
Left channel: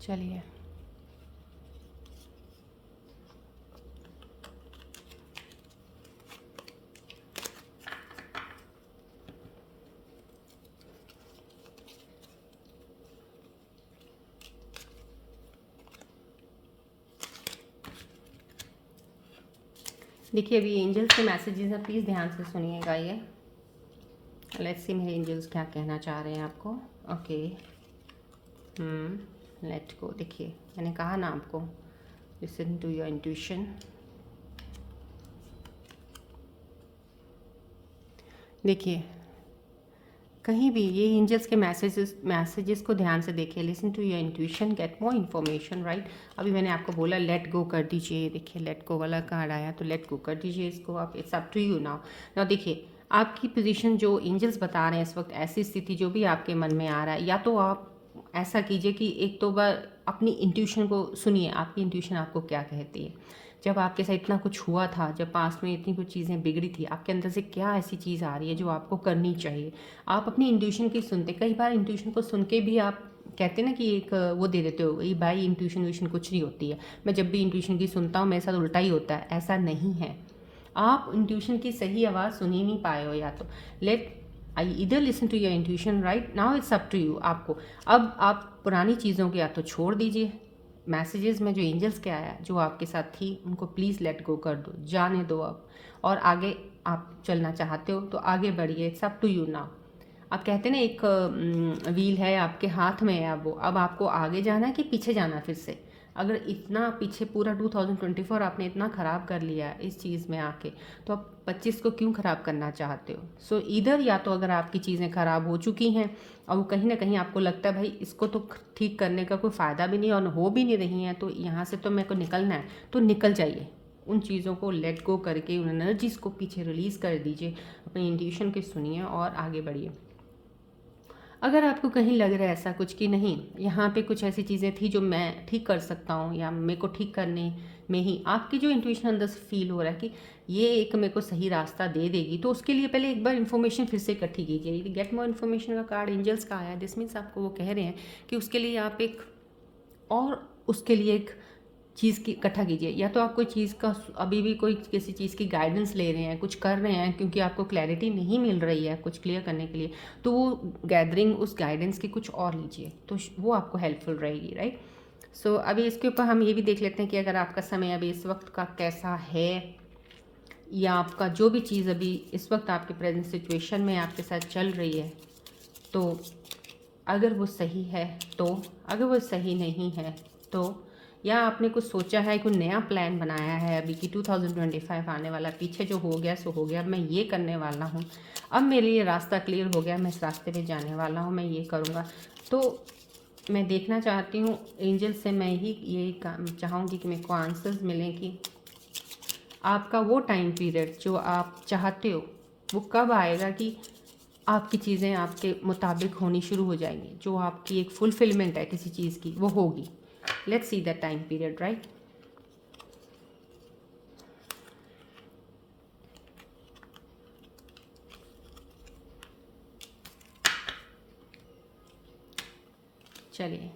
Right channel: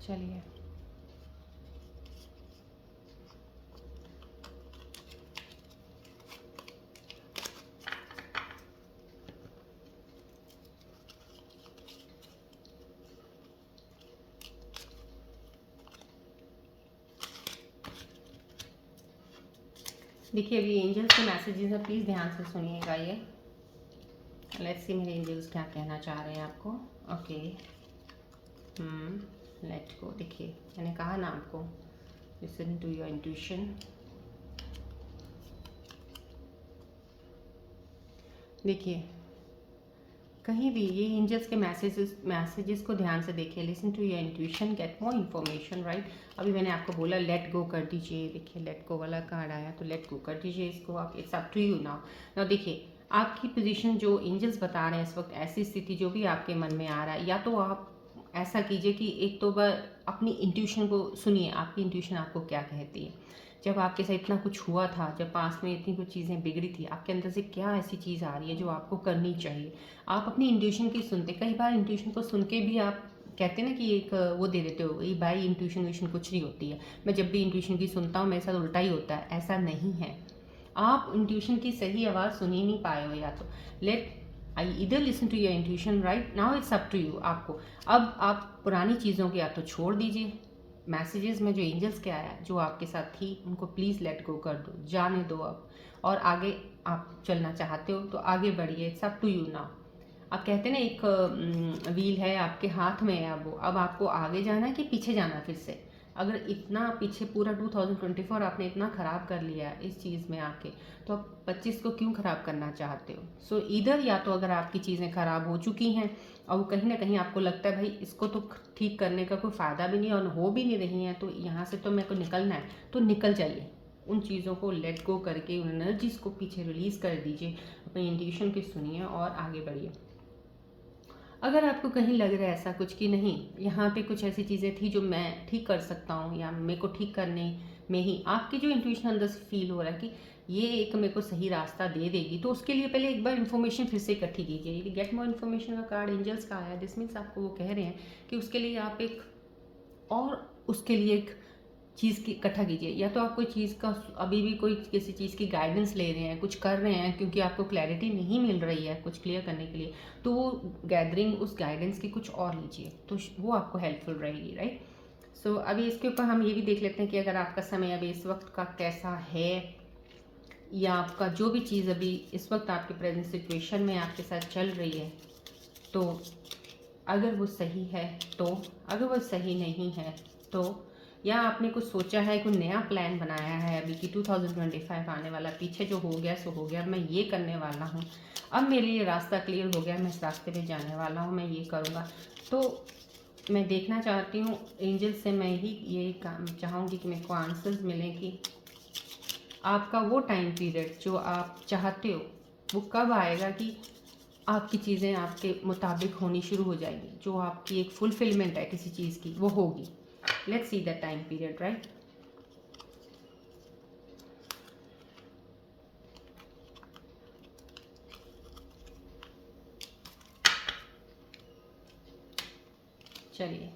चलिए, देखिए अभी एंजल्स के मैसेजेस हैं, प्लीज़ ध्यान से सुनिएगा ये। लेट्स सी मेरे एंजल्स क्या कहना चाह रहे हैं आपको। Okay, let go. देखिए मैंने कहा ना आपको, लिसन टू योर इंट्यूशन। देखिए कहीं भी ये एंजल्स के मैसेजेस को ध्यान से देखिए। Listen to your intuition, get more information, right. अभी मैंने आपको बोला लेट गो कर दीजिए। देखिए लेट गो वाला कार्ड आया, तो लेट गो कर दीजिए इसको आप। It's up to you now. देखिए आपकी पोजीशन जो एंजल्स बता रहे हैं इस वक्त, ऐसी स्थिति जो भी आपके मन में आ रहा है, या तो आप ऐसा कीजिए कि एक तो बार अपनी इंट्यूशन को सुनिए, आपकी इंट्यूशन आपको क्या कहती है। जब आपके साथ इतना कुछ हुआ था, जब पास में इतनी कुछ चीज़ें बिगड़ी थी, आपके अंदर से क्या ऐसी चीज़ आ रही है जो आपको करनी चाहिए। आप अपनी इंट्यूशन की सुनते, कई बार इंट्यूशन को सुन के भी आप कहते हैं ना कि एक वो दे देते हो, ये भाई इंट्यूशन व्यूशन कुछ नहीं होती है, मैं जब भी इंट्यूशन की सुनता हूँ मेरे साथ उल्टा ही होता है। ऐसा नहीं है, आप इंट्यूशन की सही आवाज़ सुन ही नहीं पाए हो। या तो लेट आई इधर listen to your intuition, right now it's up to you. आपको अब आप पुरानी चीज़ों को या तो छोड़ दीजिए। मैसेजेस में जो एंजल्स के आया, जो आपके साथ थी, उनको प्लीज़ लेट गो कर दो, जाने दो अब। और आगे आप चलना चाहते हो तो आगे बढ़िए, it's up to you now. आप कहते हैं ना एक व्हील है आपके हाथ में है, अब आपको आगे जाना है कि पीछे जाना है फिर से। अगर इतना पीछे पूरा 2024 आपने इतना ख़राब कर लिया इस चीज़ में आके, तो आप 25 को क्यों ख़राब करना चाहते हो। सो इधर या तो अगर आपकी चीज़ें ख़राब हो चुकी हैं और कहीं ना कहीं आपको लगता है भाई इसको तो ठीक करने का कोई फ़ायदा भी नहीं और हो भी नहीं रही हैं, तो यहाँ से तो मेरे को निकलना है, तो निकल जाइए। उन चीज़ों को लेट गो करके उन एनर्जीज़ को पीछे रिलीज़ कर दीजिए, अपनी इंट्यूशन की सुनिए और आगे बढ़िए। अगर आपको कहीं लग रहा है ऐसा कुछ कि नहीं, यहाँ पे कुछ ऐसी चीज़ें थी जो मैं ठीक कर सकता हूँ, या मेरे को ठीक करने में ही आपकी जो इंट्यूशन अंदर से फील हो रहा है कि ये एक मेरे को सही रास्ता दे देगी, तो उसके लिए पहले एक बार इन्फॉर्मेशन फिर से इकट्ठी कीजिए। गेट मोर इन्फॉर्मेशन का कार्ड एंजल्स का आया, दिस मीन्स आपको वो कह रहे हैं कि उसके लिए आप एक और उसके लिए एक चीज़ की इकट्ठा कीजिए। या तो आप कोई चीज़ का अभी भी कोई किसी चीज़ की गाइडेंस ले रहे हैं, कुछ कर रहे हैं क्योंकि आपको क्लैरिटी नहीं मिल रही है कुछ क्लियर करने के लिए, तो वो गैदरिंग उस गाइडेंस की कुछ और लीजिए, तो वो आपको हेल्पफुल रहेगी, राइट। सो अभी इसके ऊपर हम ये भी देख लेते हैं कि अगर आपका समय अभी इस वक्त का कैसा है, या आपका जो भी चीज़ अभी इस वक्त आपके प्रेजेंट सिचुएशन में आपके साथ चल रही है, तो अगर वो सही है तो, अगर वो सही नहीं है तो, या आपने कुछ सोचा है, कोई नया प्लान बनाया है अभी कि 2025 आने वाला, पीछे जो हो गया सो हो गया, मैं ये करने वाला हूँ, अब मेरे लिए रास्ता क्लियर हो गया, मैं इस रास्ते पे जाने वाला हूँ, मैं ये करूँगा। तो मैं देखना चाहती हूँ एंजल से, मैं ही यही चाहूँगी कि मेरे को आंसर्स मिलें कि आपका वो टाइम पीरियड जो आप चाहते हो वो कब आएगा कि आपकी चीज़ें आपके मुताबिक होनी शुरू हो जाएंगी, जो आपकी एक फुलफिलमेंट है किसी चीज़ की वो होगी। Let's see that time period, right. चलिए,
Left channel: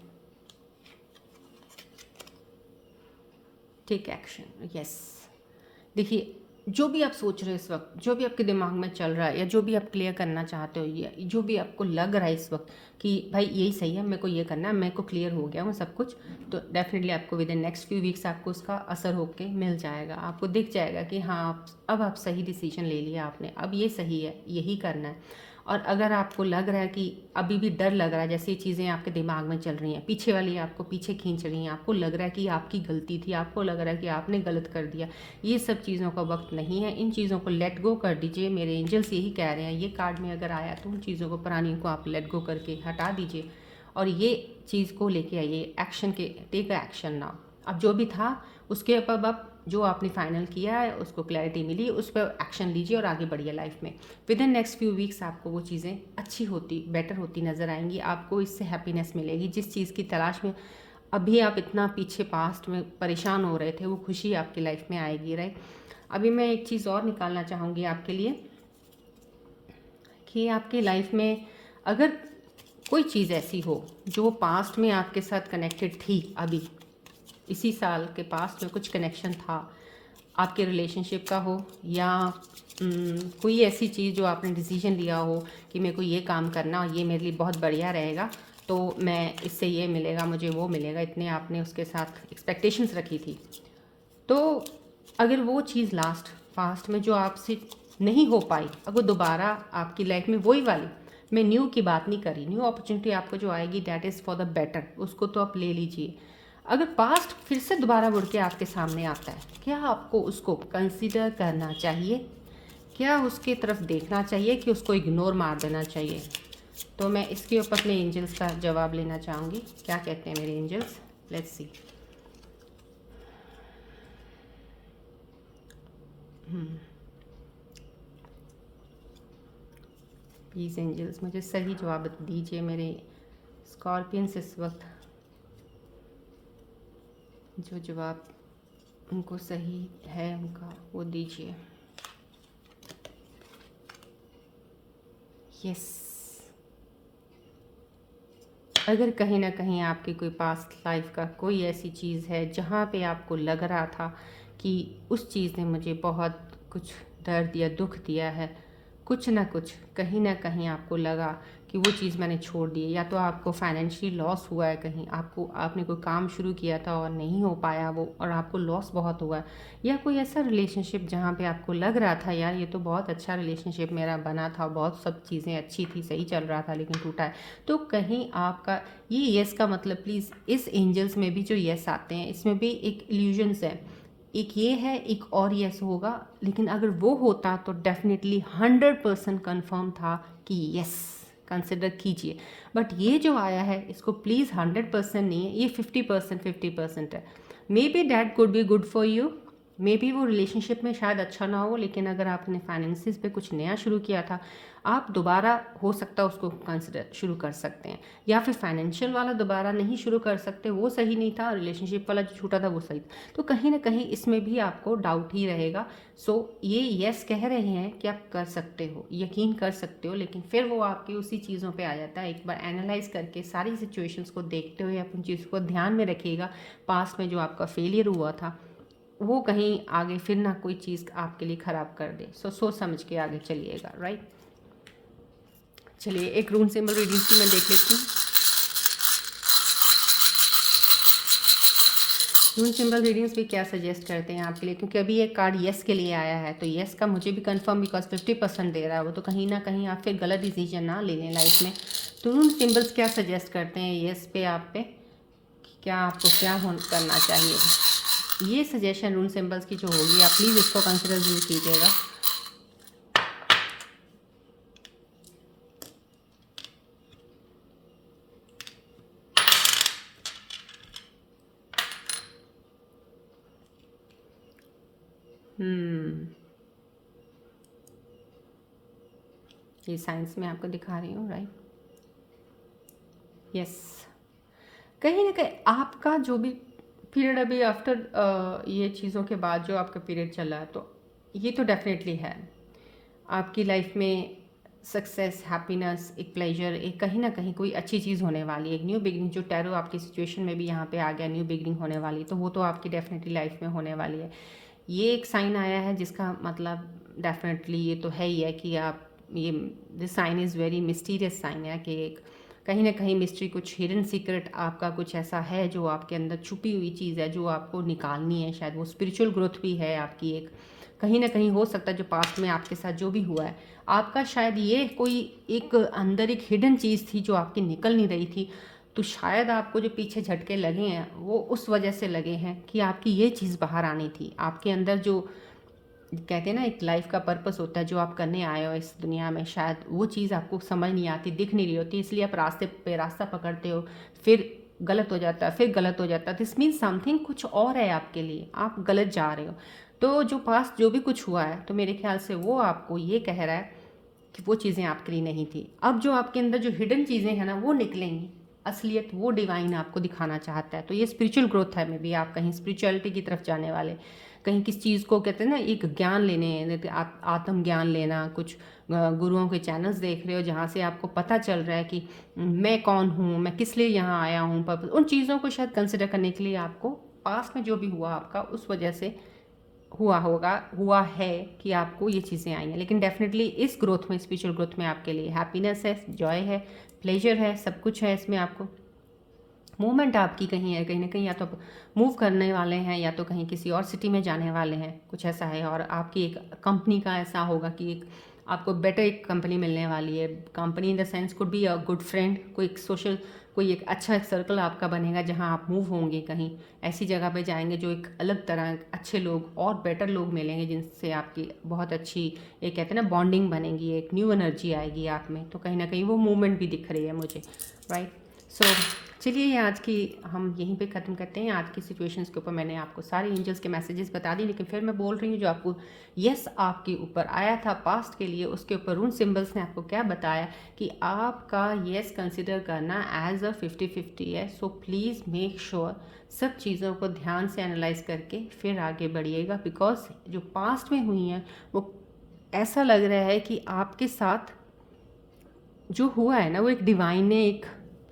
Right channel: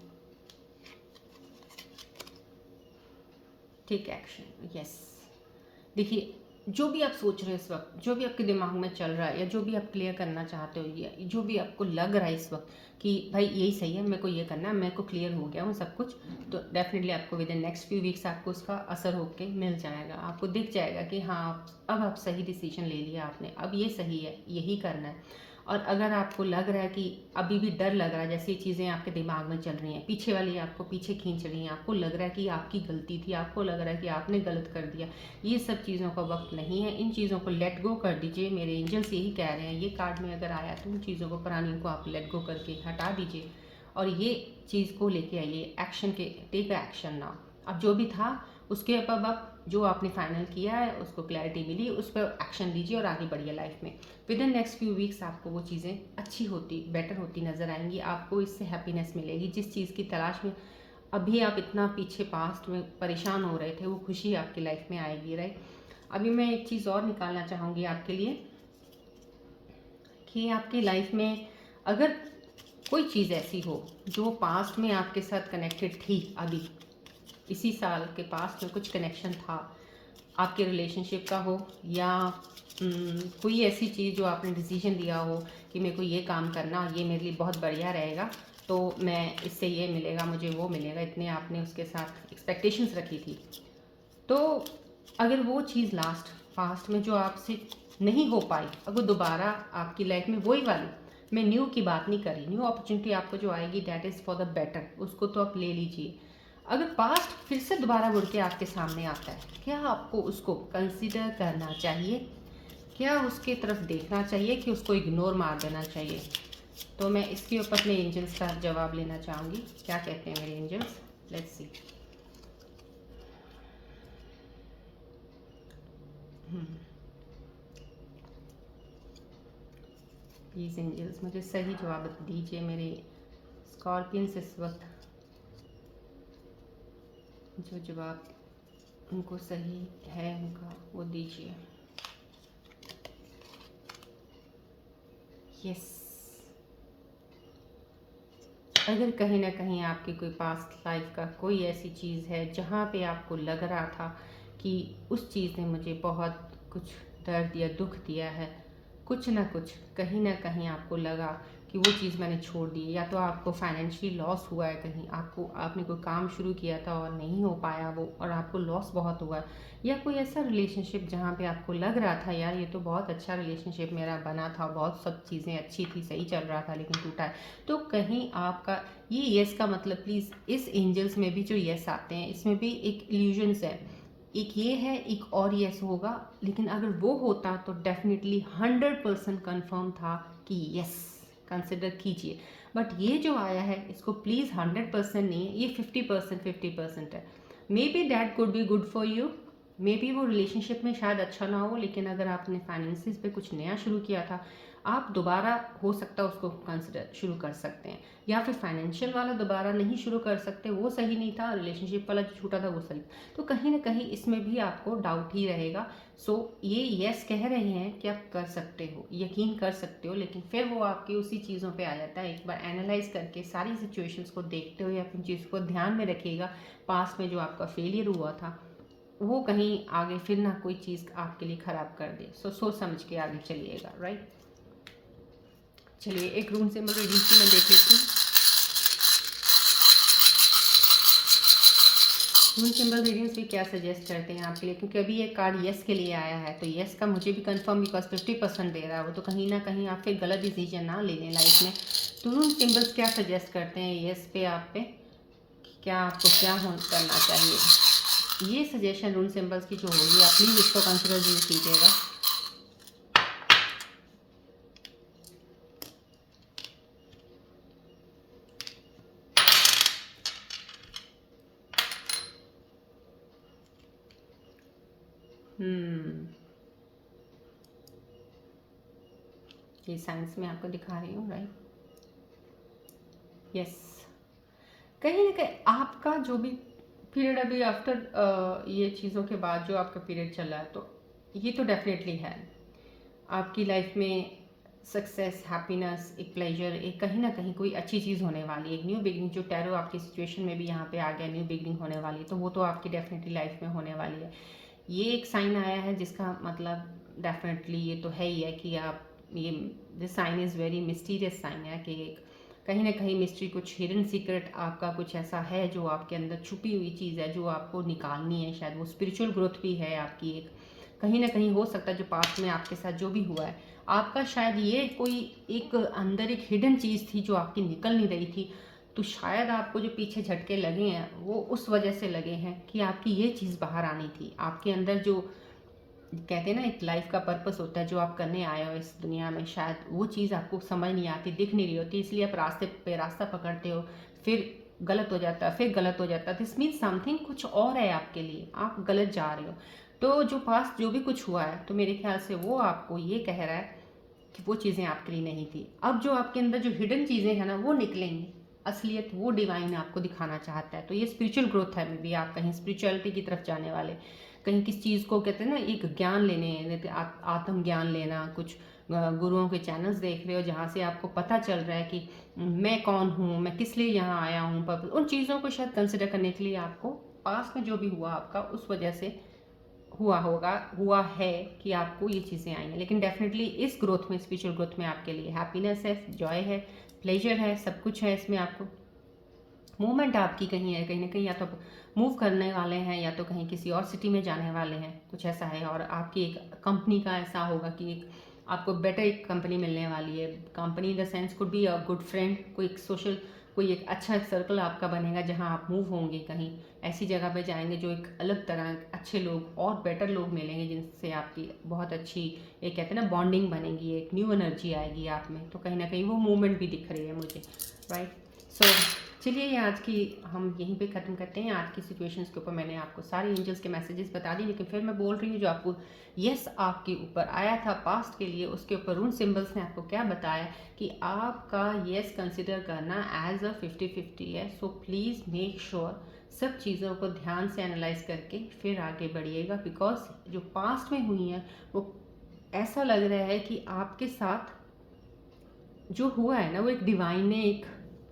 टेक एक्शन, यस। देखिए, जो भी आप सोच रहे हो इस वक्त, जो भी आपके दिमाग में चल रहा है, या जो भी आप क्लियर करना चाहते हो, या जो भी आपको लग रहा है इस वक्त कि भाई यही सही है, मेरे को ये करना है, मेरे को क्लियर हो गया वो सब कुछ, तो डेफिनेटली आपको with in next few weeks आपको उसका असर होके मिल जाएगा। आपको दिख जाएगा कि हाँ, अब आप सही डिसीजन ले लिया आपने, अब ये सही है, यही करना है। और अगर आपको लग रहा है कि अभी भी डर लग रहा है, जैसे ये चीज़ें आपके दिमाग में चल रही हैं, पीछे वाली आपको पीछे खींच रही हैं, आपको लग रहा है कि आपकी गलती थी, आपको लग रहा है कि आपने गलत कर दिया, ये सब चीज़ों का वक्त नहीं है। इन चीज़ों को लेट गो कर दीजिए। मेरे एंजल्स यही कह रहे हैं, ये कार्ड में अगर आया तो उन चीज़ों को, पुरानी को आप लेट गो करके हटा दीजिए और ये चीज़ को लेके आइए एक्शन के, टेक एक्शन नाउ। अब जो भी था उसके ऊपर अब जो आपने फाइनल किया है उसको क्लैरिटी मिली, उस पर एक्शन लीजिए और आगे बढ़िए लाइफ में। With in next few weeks आपको वो चीज़ें अच्छी होती, बेटर होती नज़र आएंगी। आपको इससे हैप्पीनेस मिलेगी। जिस चीज़ की तलाश में अभी आप इतना पीछे पास्ट में परेशान हो रहे थे, वो खुशी आपकी लाइफ में आएगी, राइट। अभी मैं एक चीज़ और निकालना चाहूँगी आपके लिए कि आपकी लाइफ में अगर कोई चीज़ ऐसी हो जो पास्ट में आपके साथ कनेक्टेड थी, अभी इसी साल के पास्ट में कुछ कनेक्शन था आपके रिलेशनशिप का हो, या कोई ऐसी चीज़ जो आपने डिसीजन लिया हो कि मेरे को ये काम करना, ये मेरे लिए बहुत बढ़िया रहेगा, तो मैं इससे ये मिलेगा, मुझे वो मिलेगा, इतने आपने उसके साथ एक्सपेक्टेशंस रखी थी। तो अगर वो चीज़ लास्ट पास्ट में जो आपसे नहीं हो पाई, अगर दोबारा आपकी लाइफ में वही वाली, मैं न्यू की बात नहीं कर रही, न्यू अपॉर्चुनिटी आपको जो आएगी that is for the better, उसको तो आप ले लीजिए। अगर पास्ट फिर से दोबारा मुड़ के आपके सामने आता है, क्या आपको उसको कंसिडर करना चाहिए, क्या उसकी तरफ देखना चाहिए कि उसको इग्नोर मार देना चाहिए? तो मैं इसके ऊपर अपने एंजल्स का जवाब लेना चाहूँगी। क्या कहते हैं मेरे angels, let's see. Please angels मुझे सही जवाब दीजिए। मेरे स्कॉर्पियंस इस वक्त जो जवाब उनको सही है उनका वो दीजिए। यस, अगर कहीं ना कहीं आपकी कोई पास्ट लाइफ का कोई ऐसी चीज़ है जहाँ पे आपको लग रहा था कि उस चीज़ ने मुझे बहुत कुछ दर्द या दुख दिया है, कुछ ना कुछ कहीं ना कहीं आपको लगा कि वो चीज़ मैंने छोड़ दी, या तो आपको फाइनेंशियल लॉस हुआ है, कहीं आपने कोई काम शुरू किया था और नहीं हो पाया वो और आपको लॉस बहुत हुआ है, या कोई ऐसा रिलेशनशिप जहाँ पे आपको लग रहा था यार ये तो बहुत अच्छा रिलेशनशिप मेरा बना था, बहुत सब चीज़ें अच्छी थी, सही चल रहा था, लेकिन टूटा है। तो कहीं आपका ये यस का मतलब, प्लीज़ इस एंजल्स में भी जो यस आते हैं इसमें भी एक इल्यूजन्स है, एक ये है, एक और यस होगा, लेकिन अगर वो होता तो डेफिनेटली 100% कन्फर्म था कि यस कंसिडर कीजिए। बट ये जो आया है इसको प्लीज़ 100% नहीं है, ये 50% है। May be that could be good for you, may be वो रिलेशनशिप में शायद अच्छा ना हो, लेकिन अगर आपने फाइनेंसिस पे कुछ नया शुरू किया था, आप दोबारा हो सकता है उसको कंसिडर शुरू कर सकते हैं, या फिर फाइनेंशियल वाला दोबारा नहीं शुरू कर सकते, वो सही नहीं था, रिलेशनशिप वाला जो छूटा था वो सही था। तो कहीं ना कहीं इसमें भी आपको डाउट ही रहेगा। सो ये यस कह रहे हैं कि आप कर सकते हो, यकीन कर सकते हो, लेकिन फिर वो आपकी उसी चीज़ों पे आ जाता है। एक बार एनालाइज करके सारी सिचुएशंस को देखते हुए अपनी चीज़ को ध्यान में रखिएगा, पास्ट में जो आपका फेलियर हुआ था वो कहीं आगे फिर ना कोई चीज़ आपके लिए ख़राब कर दे। सो सोच समझ के आगे चलिएगा, राइट। चलिए एक रून सिंबल रीडिंग की मैं देख लेती हूँ। रून सिंबल रीडिंग्स भी क्या सजेस्ट करते हैं आपके लिए, क्योंकि अभी ये कार्ड येस के लिए आया है, तो येस का मुझे भी कंफर्म बिकॉज 50% दे रहा है वो, तो कहीं ना कहीं आप फिर गलत डिसीजन ना ले लें लाइफ में। तो रून सिंबल्स क्या सजेस्ट करते हैं येस पे, आप पे क्या आपको क्या करना चाहिए, ये सजेशन रून सिंबल्स की जो होगी आप प्लीज़ इसको कंसिडर जरूर कीजिएगा। ये साइंस में आपको दिखा रही हूँ, राइट। यस, कहीं ना कहीं आपका जो भी पीरियड अभी आफ्टर ये चीज़ों के बाद जो आपका पीरियड चल रहा है, तो ये तो डेफिनेटली है आपकी लाइफ में सक्सेस, हैप्पीनेस, एक प्लेजर, एक कहीं ना कहीं कोई अच्छी चीज़ होने वाली है, एक न्यू बिगनिंग। जो टैरो आपकी सिचुएशन में भी यहाँ पे आ गया, न्यू बिगनिंग होने वाली है, तो वो तो आपकी डेफिनेटली लाइफ में होने वाली है। ये एक साइन आया है जिसका मतलब डेफिनेटली ये तो है ही है कि आप ये this sign is very mysterious sign है कि एक कहीं ना कहीं मिस्ट्री, कुछ हिडन सीक्रेट आपका कुछ ऐसा है जो आपके अंदर छुपी हुई चीज़ है जो आपको निकालनी है। शायद वो स्पिरिचुअल ग्रोथ भी है आपकी, एक कहीं ना कहीं हो सकता है जो पास्ट में आपके साथ जो भी हुआ है आपका, शायद ये कोई एक अंदर एक हिडन चीज़ थी जो आपकी निकल नहीं रही थी। तो शायद आपको जो पीछे झटके लगे हैं वो उस वजह से लगे हैं कि आपकी ये चीज़ बाहर आनी थी। आपके अंदर जो कहते हैं ना एक लाइफ का पर्पस होता है जो आप करने आए हो इस दुनिया में, शायद वो चीज़ आपको समझ नहीं आती, दिख नहीं रही होती, इसलिए आप रास्ते पे रास्ता पकड़ते हो, फिर गलत हो जाता है, फिर गलत हो जाता है। दिस मीन्स समथिंग कुछ और है आपके लिए, आप गलत जा रहे हो। तो जो पास्ट जो भी कुछ हुआ है, तो मेरे ख्याल से वो आपको ये कह रहा है कि वो चीज़ें आपके लिए नहीं थी। अब जो आपके अंदर जो हिडन चीज़ें हैं ना वो निकलेंगी, असलियत वो डिवाइन आपको दिखाना चाहता है। तो ये स्पिरिचुअल ग्रोथ है, मे बी आप कहीं स्पिरिचुअलिटी की तरफ जाने वाले, कहीं किस चीज़ को कहते हैं ना एक ज्ञान लेने, आत्म ज्ञान लेना, कुछ गुरुओं के चैनल्स देख रहे हो जहाँ से आपको पता चल रहा है कि मैं कौन हूँ, मैं किस लिए यहाँ आया हूँ, पर्पस, उन चीज़ों को शायद कंसिडर करने के लिए आपको पास्ट में जो भी हुआ आपका उस वजह से हुआ है कि आपको ये चीज़ें आई हैं। लेकिन डेफिनेटली इस ग्रोथ में, स्पिरिचुअल ग्रोथ में आपके लिए हैप्पीनेस है, जॉय है, प्लेजर है, सब कुछ है इसमें। आपको मूवमेंट आपकी कहीं है, कहीं ना कहीं या तो मूव करने वाले हैं या तो कहीं किसी और सिटी में जाने वाले हैं, कुछ ऐसा है। और आपकी एक कंपनी का ऐसा होगा कि एक आपको बेटर एक कंपनी मिलने वाली है। Company in the sense could be a good friend, कोई एक सोशल, कोई एक अच्छा एक सर्कल आपका बनेगा जहां आप मूव होंगे, कहीं ऐसी जगह पे जाएंगे जो एक अलग तरह अच्छे लोग और बेटर लोग मिलेंगे जिनसे आपकी बहुत अच्छी एक कहते हैं ना बॉन्डिंग बनेगी, एक न्यू एनर्जी आएगी आप में। तो कहीं ना कहीं वो मूवमेंट भी दिख रही है मुझे, राइट। सो चलिए आज की हम यहीं पे ख़त्म करते हैं। आज की सिचुएशंस के ऊपर मैंने आपको सारे एंजल्स के मैसेजेस बता दी, लेकिन फिर मैं बोल रही हूँ जो आपको यस आपके ऊपर आया था पास्ट के लिए, उसके ऊपर रून सिंबल्स ने आपको क्या बताया कि आपका यस कंसिडर करना एज अ 50-50 है। सो प्लीज़ मेक श्योर सब चीज़ों को ध्यान से एनालाइज करके फिर आगे बढ़िएगा, बिकॉज जो पास्ट में हुई हैं वो ऐसा लग रहा है कि आपके साथ जो हुआ है ना वो एक डिवाइन ने एक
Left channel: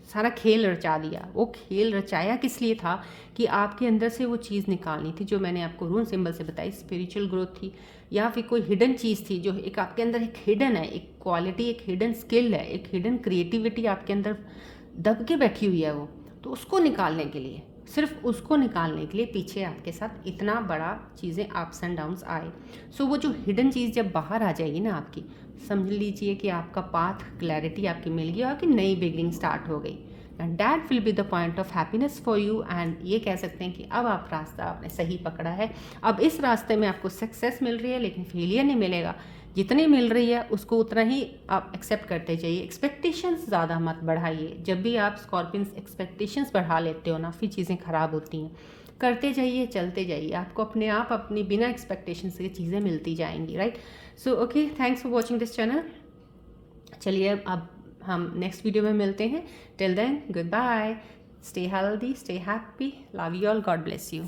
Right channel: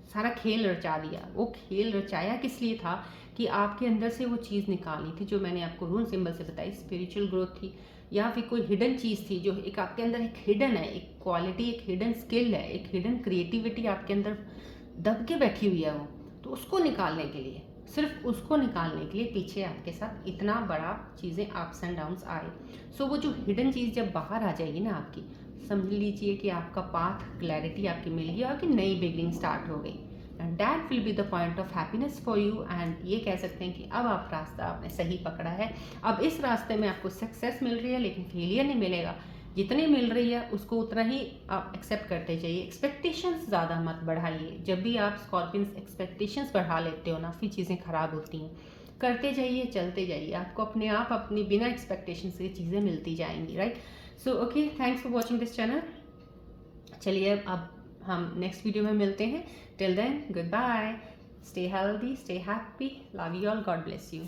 सारा खेल रचा दिया। वो खेल रचाया किस लिए था कि आपके अंदर से वो चीज़ निकालनी थी जो मैंने आपको रून सिंबल से बताई, स्पिरिचुअल ग्रोथ थी या फिर कोई हिडन चीज़ थी जो एक आपके अंदर एक हिडन है, एक क्वालिटी, एक हिडन स्किल है, एक हिडन क्रिएटिविटी आपके अंदर दब के बैठी हुई है वो। तो उसको निकालने के लिए, सिर्फ उसको निकालने के लिए पीछे आपके साथ इतना बड़ा चीज़ें अप्स एंड डाउन्स आए। सो वो जो हिडन चीज़ जब बाहर आ जाएगी ना आपकी, समझ लीजिए कि आपका पाथ क्लैरिटी आपकी मिल गई और कि नई बिगनिंग स्टार्ट हो गई, and that will be the point of happiness for you. And ये कह सकते हैं कि अब आप रास्ता आपने सही पकड़ा है। अब इस रास्ते में आपको सक्सेस मिल रही है लेकिन फेलियर नहीं मिलेगा, जितनी मिल रही है उसको उतना ही आप एक्सेप्ट करते जाइए। एक्सपेक्टेशंस ज़्यादा मत बढ़ाइए। जब भी आप स्कॉर्पियंस एक्सपेक्टेशंस बढ़ा लेते हो ना फिर चीज़ें ख़राब होती हैं। करते जाइए, चलते जाइए, आपको अपने आप अपनी बिना एक्सपेक्टेशन से चीज़ें मिलती जाएंगी, right. So okay, thanks for watching this channel. चलिए अब हम नेक्स्ट वीडियो में मिलते हैं। Till then goodbye, stay healthy, stay happy, love you all, God bless you.